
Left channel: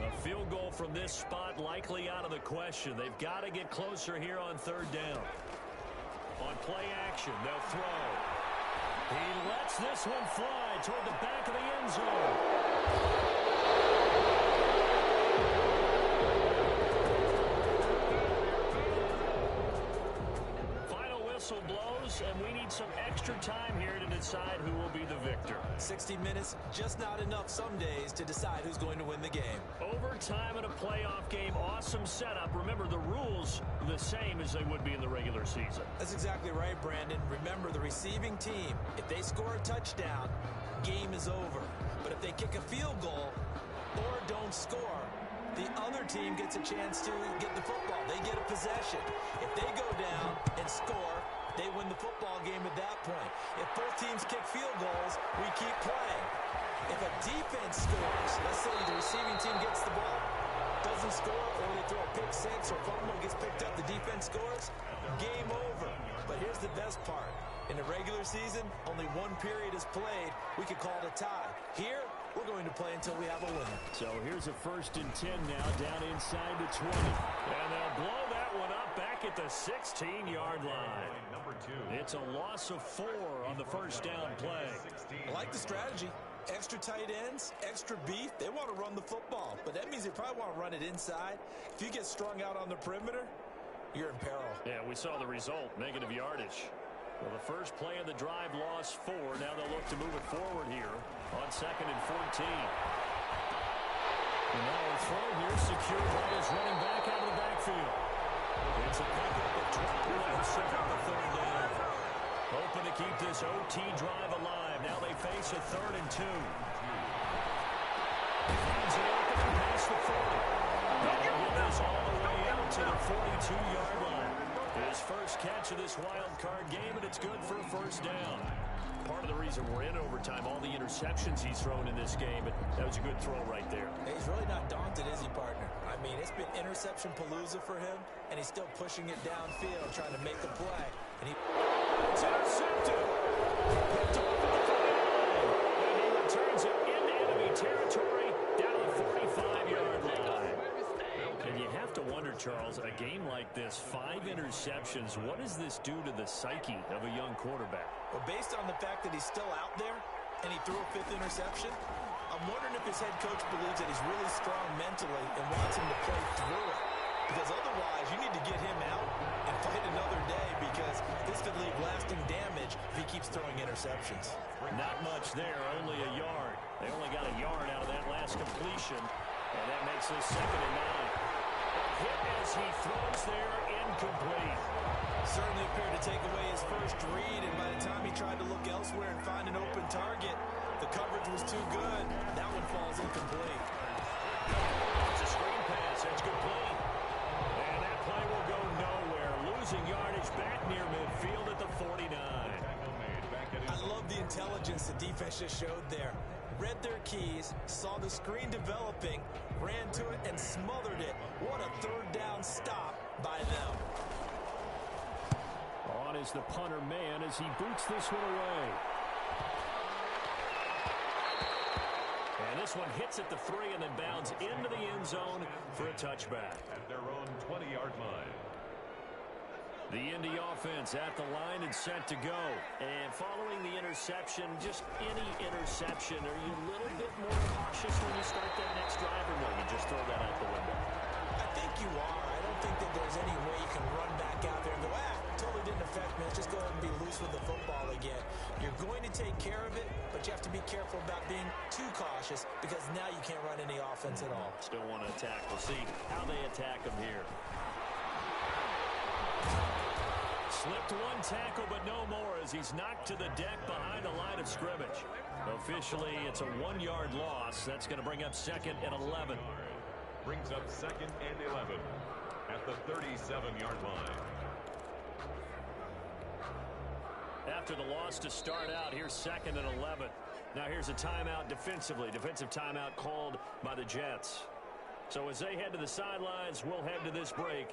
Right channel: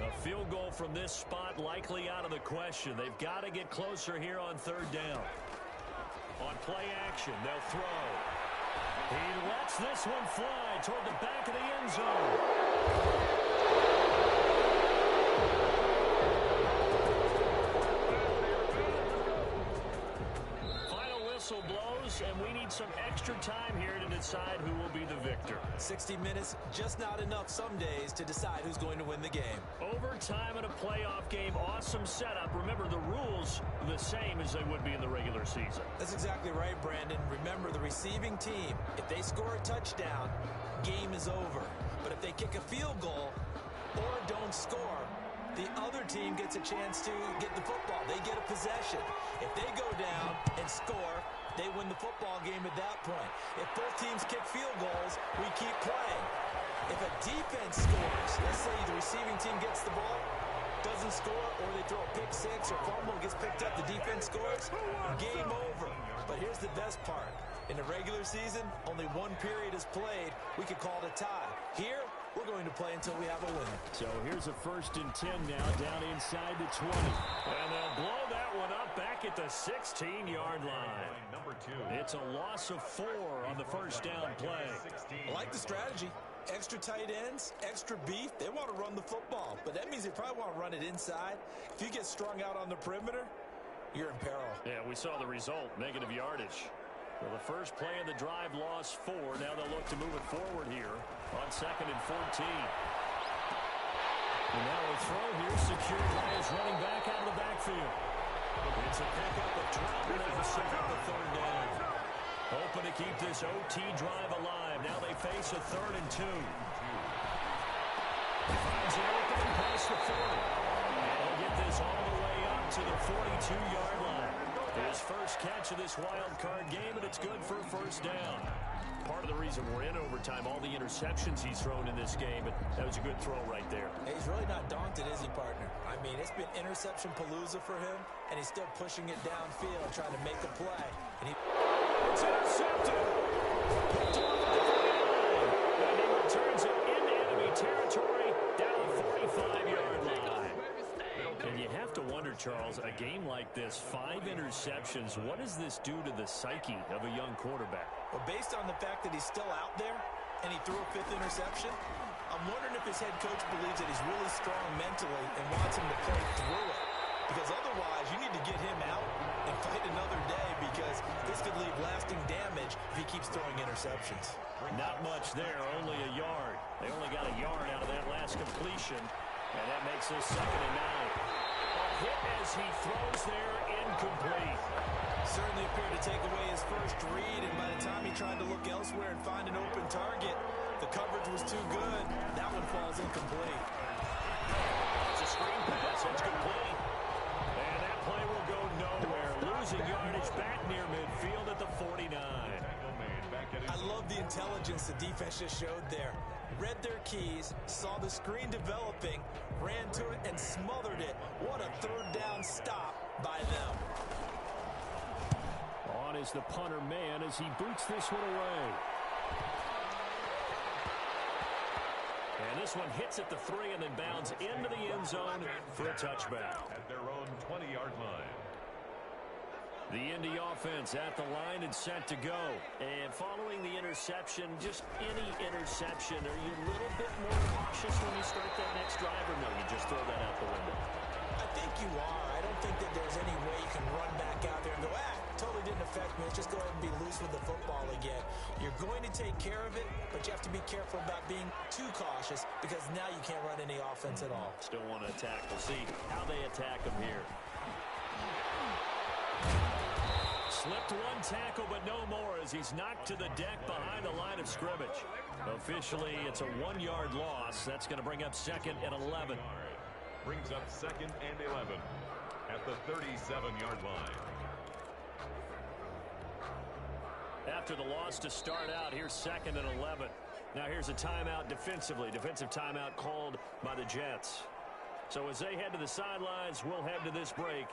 A field goal from this spot likely out of the question. They've got to get closer here on 3rd down. On play action, they'll throw. He lets this one fly toward the back of the end zone. Final whistle blows, and we need some extra time here to decide who will be the victor. 60 minutes, just not enough some days to decide who's going to win the game. Overtime in a playoff game, awesome setup. Remember, the rules are the same as they would be in the regular season. That's exactly right, Brandon. Remember, the receiving team, if they score a touchdown, game is over. But if they kick a field goal or don't score, the other team gets a chance to get the football. They get a possession. If they go down and score, they win the football game at that point. If both teams kick field goals, we keep playing. If a defense scores, let's say the receiving team gets the ball, doesn't score, or they throw a pick six or fumble, gets picked up, the defense scores, game over. But here's the best part. In the regular season, only one period is played. We could call it a tie. Here, we're going to play until we have a winner. So here's a 1st and 10 now, down inside the 20. And they'll blow that one up back at the 16-yard line. Number 2. It's a loss of 4 on the first down play. I like the strategy. Extra tight ends, extra beef. They want to run the football, but that means they probably want to run it inside. If you get strung out on the perimeter, you're in peril. Yeah, we saw the result, negative yardage. Well, the first play of the drive lost 4. Now they'll look to move it forward here on 2nd and 14. And now a throw here secured by his running back out of the backfield. It's a pickup of 12, and they'll set up the 3rd down. Hoping to keep this OT drive alive. Now they face a 3rd and 2. He finds an opening past the 40. And he'll get this all the way out to the 42-yard line. His first catch of this wild card game, and it's good for a 1st down. Part of the reason we're in overtime, all the interceptions he's thrown in this game, but that was a good throw right there. He's really not daunted, is he, partner? I mean, it's been interception palooza for him, and he's still pushing it downfield, trying to make a play. And it's intercepted. Picked off at the 49. And he returns it into enemy territory down the 45-yard line. And you have to wonder, Charles, a game like this, 5 interceptions, what does this do to the psyche of a young quarterback? Well, based on the fact that he's still out there and he threw a 5th interception, I'm wondering if his head coach believes that he's really strong mentally and wants him to play through it. Because otherwise, you need to get him out and fight another day, because this could leave lasting damage if he keeps throwing interceptions. Not much there, only a yard. They only got a yard out of that last completion, and that makes this 2nd and 9. A hit as he throws there, incomplete. Certainly appeared to take away his first read, and by the time he tried to look elsewhere and find an open target, the coverage was too good. That one falls incomplete. It's a screen pass. That's complete. And that play will go nowhere. Losing yardage back near midfield at the 49. I love the intelligence the defense just showed there. Read their keys, saw the screen developing, ran to it, and smothered it. What a 3rd down stop by them. On is the punter man as he boots this one away. And this one hits at the 3 and then bounds into the end zone for a touchback. At their own 20-yard line. The Indy offense at the line and set to go. And following the interception, just any interception, are you a little bit more cautious when you start that next drive, or no, you just throw that out the window? I think you are. I don't think that there's any way you can run back out there and go, totally didn't affect me. Let's just go ahead and be loose with the football again. You're going to take care of it, but you have to be careful about being too cautious, because now you can't run any offense at all. Still want to attack. We'll see how they attack him here. Slipped one tackle, but no more, as he's knocked to the deck behind the line of scrimmage. Officially, it's a 1-yard loss. That's going to bring up 2nd and 11. Brings up 2nd and 11 at the 37-yard line. After the loss to start out, here's 2nd and 11. Now here's a timeout defensively. Defensive timeout called by the Jets. So as they head to the sidelines, we'll head to this break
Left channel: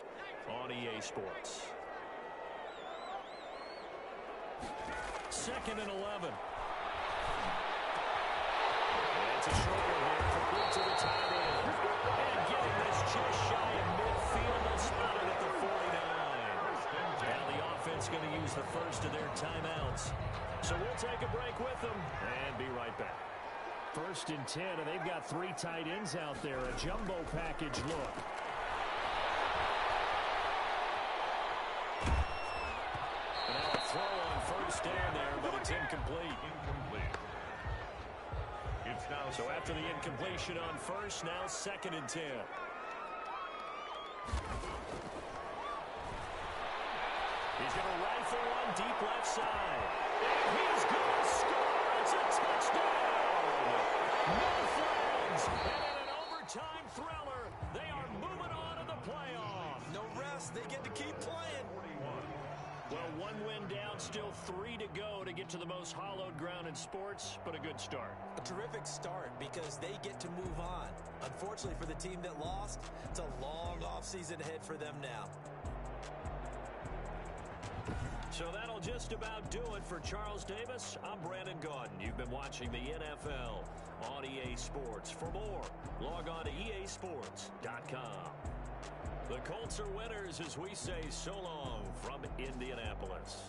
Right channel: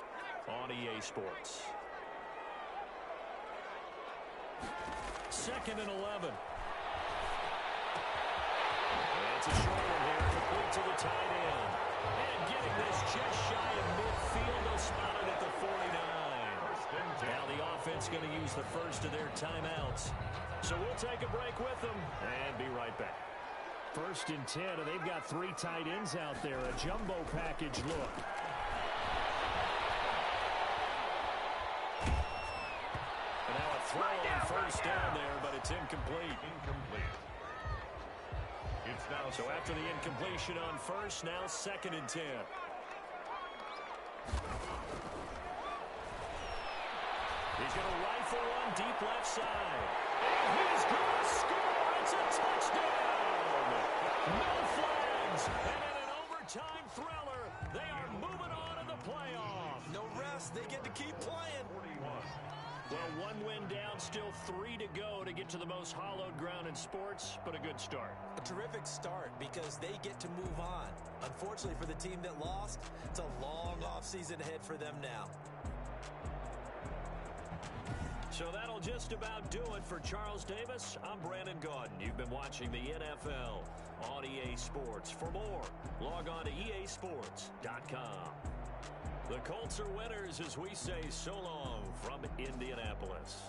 on EA Sports. 2nd and 11. And it's a short one here, complete to the tight end. And getting this just shy of midfield, they'll spot it at the 49. Now the offense going to use the first of their timeouts. So we'll take a break with them and be right back. 1st and 10, and they've got 3 tight ends out there. A jumbo package look. And now a throw on 1st down there, but it's incomplete. It's now so after the incompletion on 1st, now 2nd and 10. He's going to rifle one deep left side. And he's going to score. It's a touchdown. No flags. And in an overtime thriller, they are moving on to the playoff. No rest. They get to keep playing. Well, one win down, still 3 to go to get to the most hallowed ground in sports, but a good start. A terrific start because they get to move on. Unfortunately for the team that lost, it's a long offseason ahead for them now. So that'll just about do it for Charles Davis. I'm Brandon Gaudin. You've been watching the NFL on EA Sports. For more, log on to easports.com. The Colts are winners as we say so long from Indianapolis.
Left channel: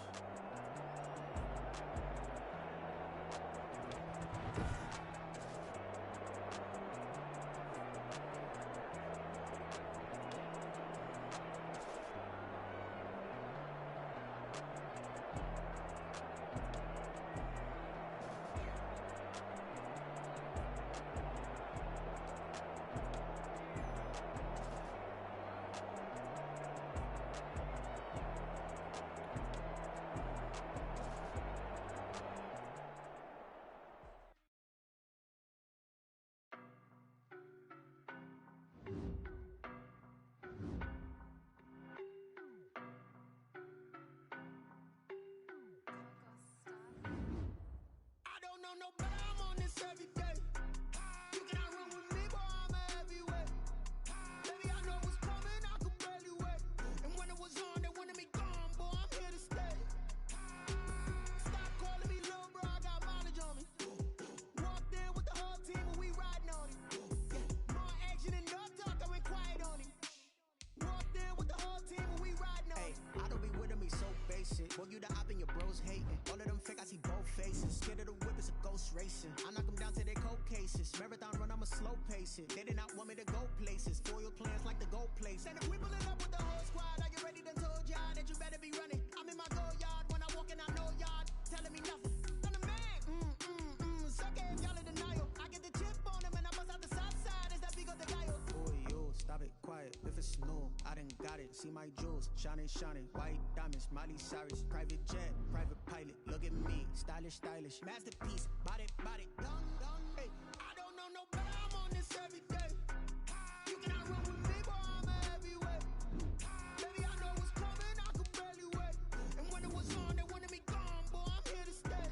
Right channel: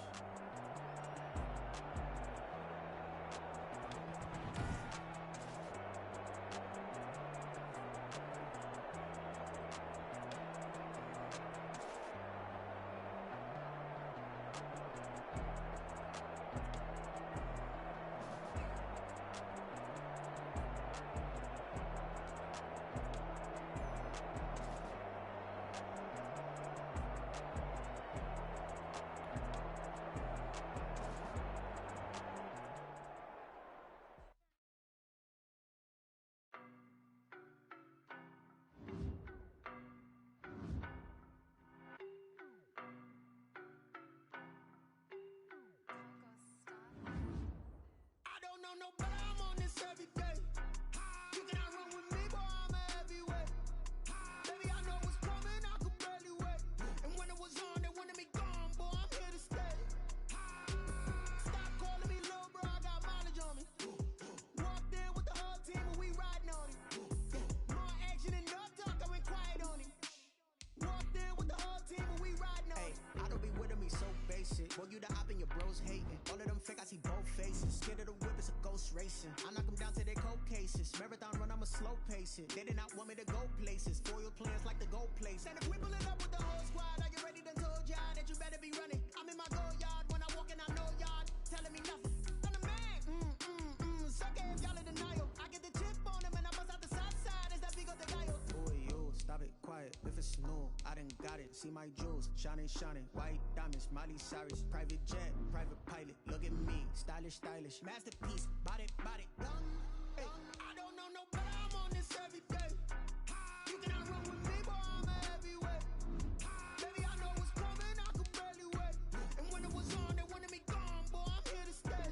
No better, I'm on this every day. You cannot run with me, boy, I'm a heavyweight. Baby, I know what's coming, I could barely wait. And when it was on, they wanted me gone, boy, I'm here to stay. Stop calling me little bro, I got mileage on me. Walked in with the whole team and we riding on him. More action and no talk, I went quiet on him. Walked in with the whole team and we riding on him. I don't be with me so basic. Boy, you the op and your bros hating. All of them fake, I see both faces. Scared of the whip, it's a ghost racing. I knock them down to their cold cases. Marathon run, I'ma slow pace it. They did not want me to go places. Foil plans like the gold place. And if we pulling up with the whole squad, are you ready? Done told y'all that you better be running. I'm in my go yard. When I walk in, I know y'all telling me nothing. I'm the man. Suck it if y'all in denial. I get the chip on them and I bust out the south side. Is that Vigo the Gallo? Boy, yo, stop it, quiet. If it's new, I done got it. See my jewels, shining, shining. White diamonds, Miley Cyrus. Private jet, private pilot. Look at me, stylish, stylish. Masterpiece, body, body, done. Hey, I don't know no better, I'm on this every day. You cannot run with me, boy, I'm a heavyweight. Baby, I know what's coming, I could barely wait. And when it was on, they wanted me gone, boy, I'm here to stay.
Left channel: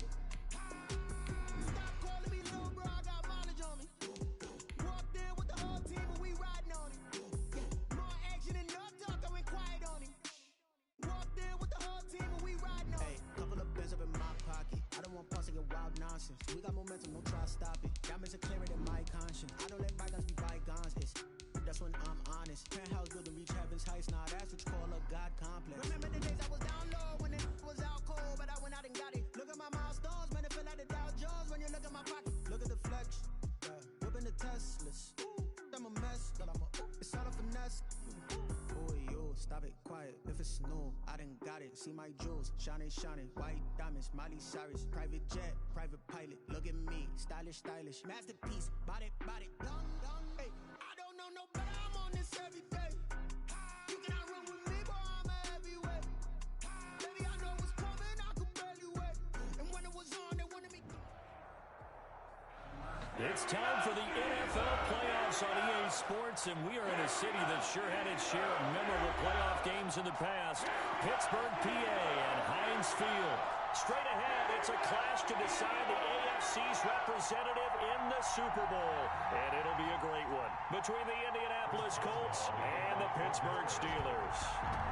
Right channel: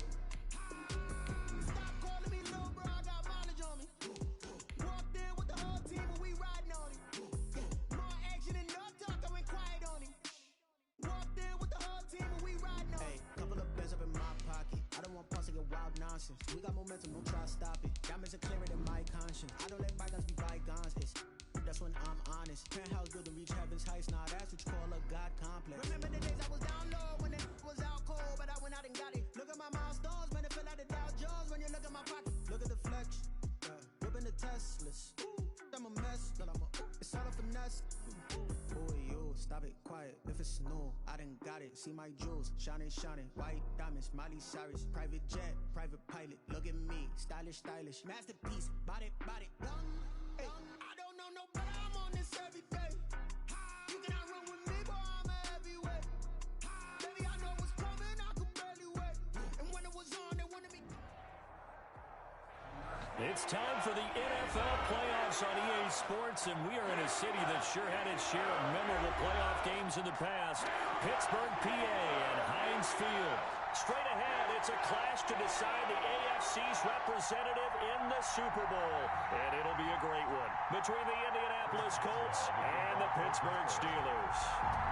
Stop calling me little bro, I got mileage on me. Walked in with the whole team and we riding on him. More action and no talk, I went quiet on him. Walked in with the whole team and we riding on him. hey, couple of bands up in my pocket. I don't want pause to get wild nonsense. We got momentum, don't try to stop it. Diamonds are clearer than my conscience. I don't let bygones be bygones. That's when I'm honest. Penthouse building, reach heaven's heights. Nah, that's what you call a God complex. Remember the days I was down low when it was out cold, but I went out and got it. Look at my milestones, man, it feel like the Dow Jones when you look at my pocket. Look at the flex, whipping the Teslas. I'm a mess, but it's all a finesse. Boy, yo, stop it, quiet. If it's new, I done got it. See my jewels, shining, shining. White diamonds, Miley Cyrus. Private jet, private pilot. Look at me, stylish, stylish. Masterpiece, body, body, done. Hey, I don't know no better, I'm on this every day. You cannot run with me, boy, I'm a heavyweight. Baby, I know what's coming, I could barely wait. And when it was on, they wanted me. It's time for the NFL playoffs on EA Sports, and we are in a city that sure had its share of memorable playoff games in the past. Pittsburgh, PA, and Heinz Field. Straight ahead, it's a clash to decide the AFC's representative in the Super Bowl. And it'll be a great one between the Indianapolis Colts and the Pittsburgh Steelers.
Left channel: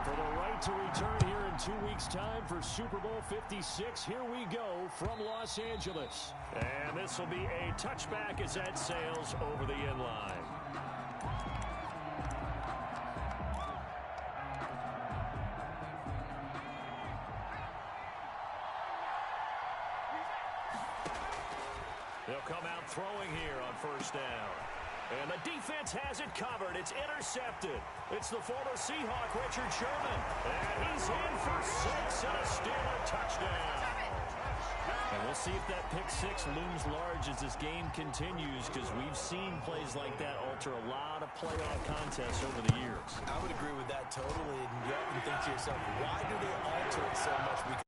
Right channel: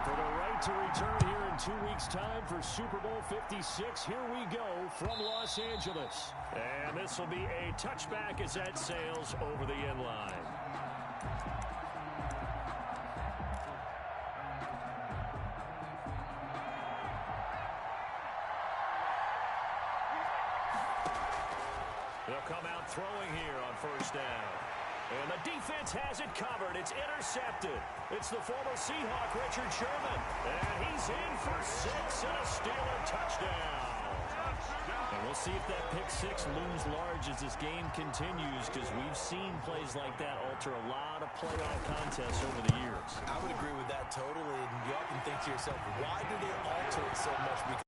For the right to return here in 2 weeks' time for Super Bowl 56, here we go from Los Angeles. And this will be a touchback as that sails over the end line. They'll come out throwing here on first down. And the defense has it covered. It's intercepted. It's the former Seahawk, Richard Sherman. And he's in for 6 and a Steeler touchdown. And we'll see if that pick six looms large as this game continues, because we've seen plays like that alter a lot of playoff contests over the years. I would agree with that totally. And you often think to yourself, why do they alter it so much? Because